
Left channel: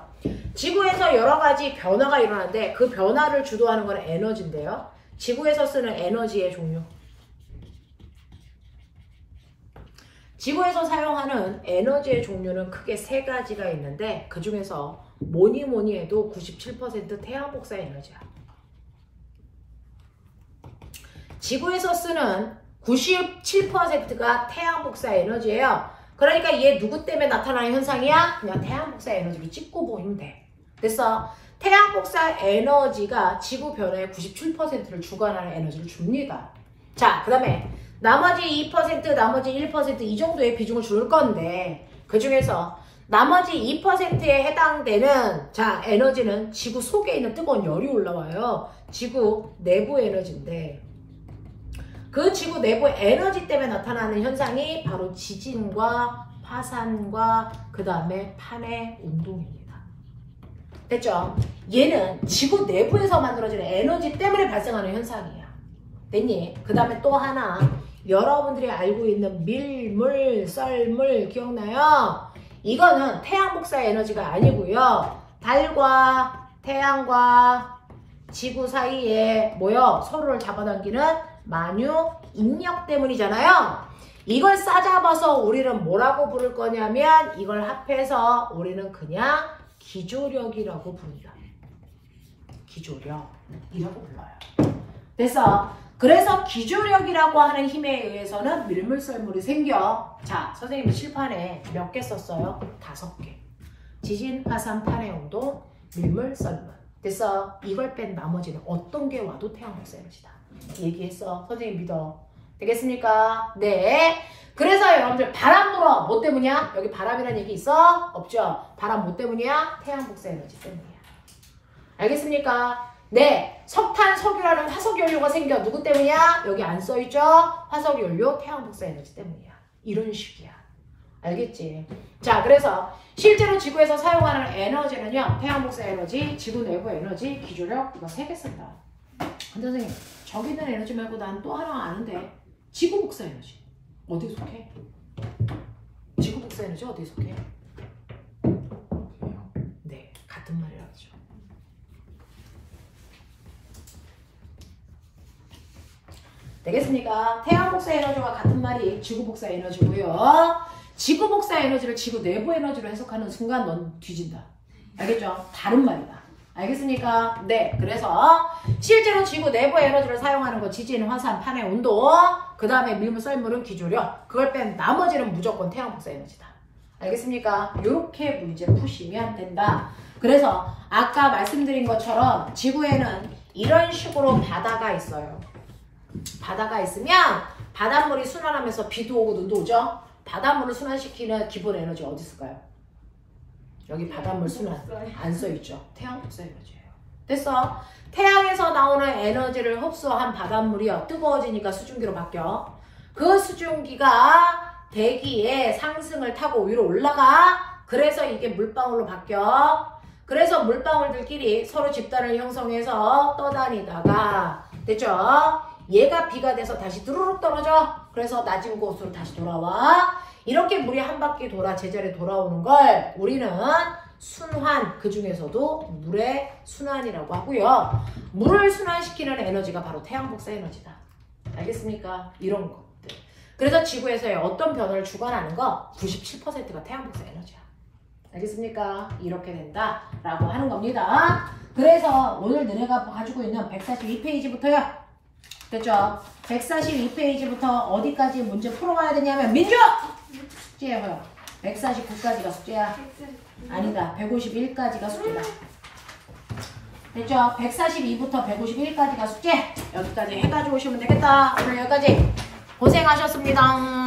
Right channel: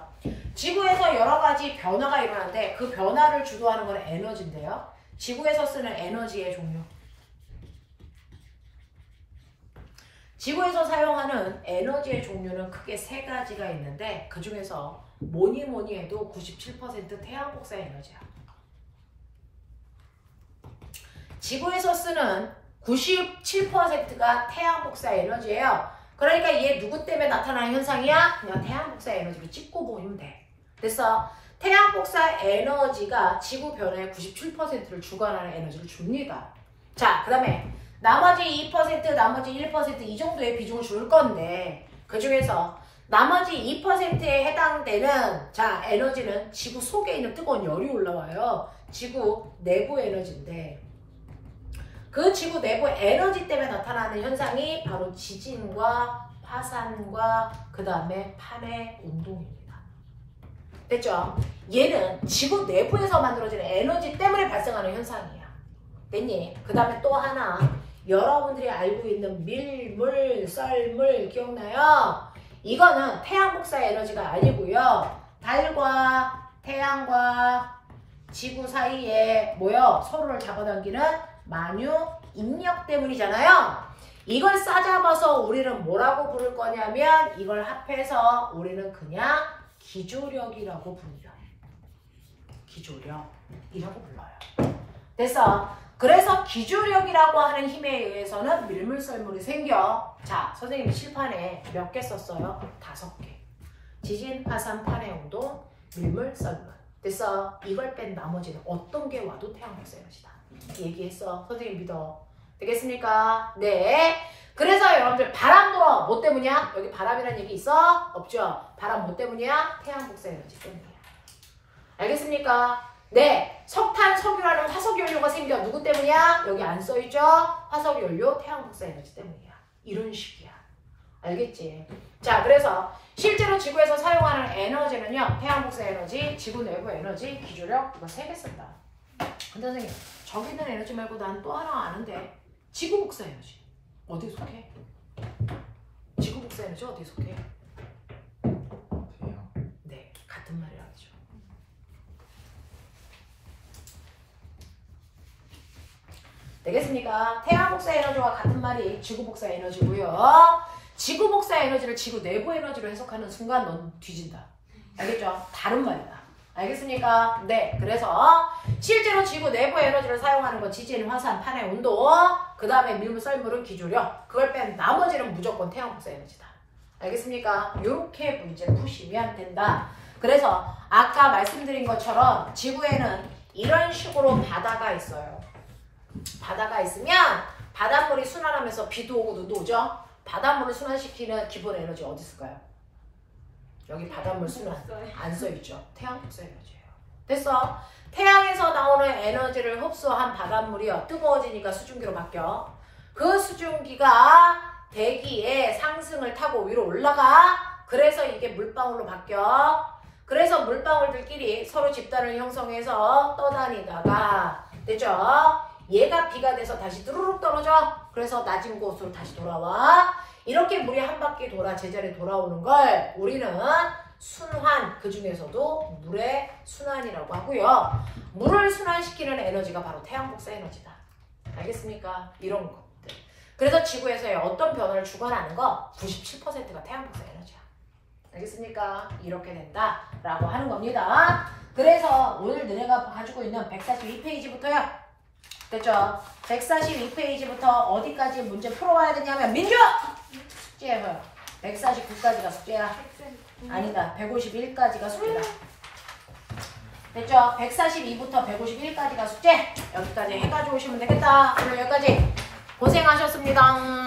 지구에서 여러 가지 변화가 일어나는데 그 변화를 주도하는 건 에너지인데요. 지구에서 쓰는 에너지의 종류. 지구에서 사용하는 에너지의 종류는 크게 세 가지가 있는데 그 중에서 뭐니 해도 97% 태양 복사 에너지야. 지구에서 쓰는 97%가 태양 복사 에너지예요. 그러니까 얘 누구 때문에 나타나는 현상이야? 그냥 태양 복사 에너지로 찍고 보면 돼. 됐어? 태양 복사 에너지가 지구 변화의 97%를 주관하는 에너지를 줍니다. 자, 그 다음에 나머지 2%, 나머지 1% 이 정도의 비중을 줄 건데 그 중에서 나머지 2%에 해당되는 자 에너지는 지구 속에 있는 뜨거운 열이 올라와요. 지구 내부 에너지인데 그 지구 내부 에너지 때문에 나타나는 현상이 바로 지진과 화산과 그 다음에 판의 운동입니다. 됐죠? 얘는 지구 내부에서 만들어지는 에너지 때문에 발생하는 현상이야. 됐니? 그 다음에 또 하나 여러분들이 알고 있는 밀물, 썰물 기억나요? 이거는 태양 복사 에너지가 아니고요. 달과 태양과 지구 사이에 모여 서로를 잡아당기는 만유 인력 때문이잖아요. 이걸 싸잡아서 우리는 뭐라고 부를 거냐면 이걸 합해서 우리는 그냥 기조력이라고 부릅니다. 기조력이라고 불러요. 됐어? 그래서 기조력이라고 하는 힘에 의해서는 밀물썰물이 생겨. 자, 선생님이 칠판에 몇 개 썼어요? 5개. 지진, 화산, 판의 운동, 밀물썰물. 됐어? 이걸 뺀 나머지는 어떤 게 와도 태양 복사 에너지다. 얘기했어. 선생님 믿어. 되겠습니까? 네. 그래서 여러분들 바람 불어. 뭐 때문이야? 여기 바람이라는 얘기 있어? 없죠? 바람 뭐 때문이야? 태양 복사 에너지 때문이야. 알겠습니까? 네, 석탄, 석유라는 화석연료가 생겨. 누구 때문이야? 여기 안 써있죠? 화석연료, 태양복사 에너지 때문이야. 이런 식이야. 알겠지? 자, 그래서 실제로 지구에서 사용하는 에너지는요. 태양복사 에너지, 지구 내부 에너지, 기조력 이거 3개 쓴다. 근데 선생님, 저기 있는 에너지 말고 난 또 하나 아는데 지구복사 에너지. 어디에 속해? 지구복사 에너지 어디에 속해? 네, 같은 말이라고 하죠. 되겠습니까? 태양 복사 에너지와 같은 말이 지구 복사 에너지고요. 지구 복사 에너지를 지구 내부 에너지로 해석하는 순간 넌 뒤진다. 알겠죠? 다른 말이다. 알겠습니까? 네. 그래서 실제로 지구 내부 에너지를 사용하는 건 지진, 화산, 판의 온도, 그 다음에 밀물, 썰물은 기조력. 그걸 빼면 나머지는 무조건 태양 복사 에너지다. 알겠습니까? 이렇게 문제 푸시면 된다. 그래서 아까 말씀드린 것처럼 지구에는 이런 식으로 바다가 있어요. 바다가 있으면 바닷물이 순환하면서 비도 오고 눈도 오죠? 바닷물을 순환시키는 기본 에너지 어디 있을까요? 여기 바닷물 순환 안 써있죠? 태양 복사 에너지예요. 됐어? 태양에서 나오는 에너지를 흡수한 바닷물이요 뜨거워지니까 수증기로 바뀌어. 그 수증기가 대기의 상승을 타고 위로 올라가. 그래서 이게 물방울로 바뀌어. 그래서 물방울들끼리 서로 집단을 형성해서 떠다니다가 됐죠? 얘가 비가 돼서 다시 뚜루룩 떨어져. 그래서 낮은 곳으로 다시 돌아와. 이렇게 물이 한 바퀴 돌아 제자리에 돌아오는 걸 우리는 순환, 그 중에서도 물의 순환이라고 하고요. 물을 순환시키는 에너지가 바로 태양복사 에너지다. 알겠습니까? 이런 것들. 그래서 지구에서의 어떤 변화를 주관하는 거 97%가 태양복사 에너지야. 알겠습니까? 이렇게 된다라고 하는 겁니다. 그래서 오늘 너네가 가지고 있는 142페이지부터요. 됐죠? 142페이지부터 어디까지 문제 풀어와야 되냐면 민주! 숙제예요. 149까지가 숙제야. 아니다. 151까지가 숙제다. 됐죠? 142부터 151까지가 숙제. 여기까지 해가지고 오시면 되겠다. 오늘 여기까지 고생하셨습니다.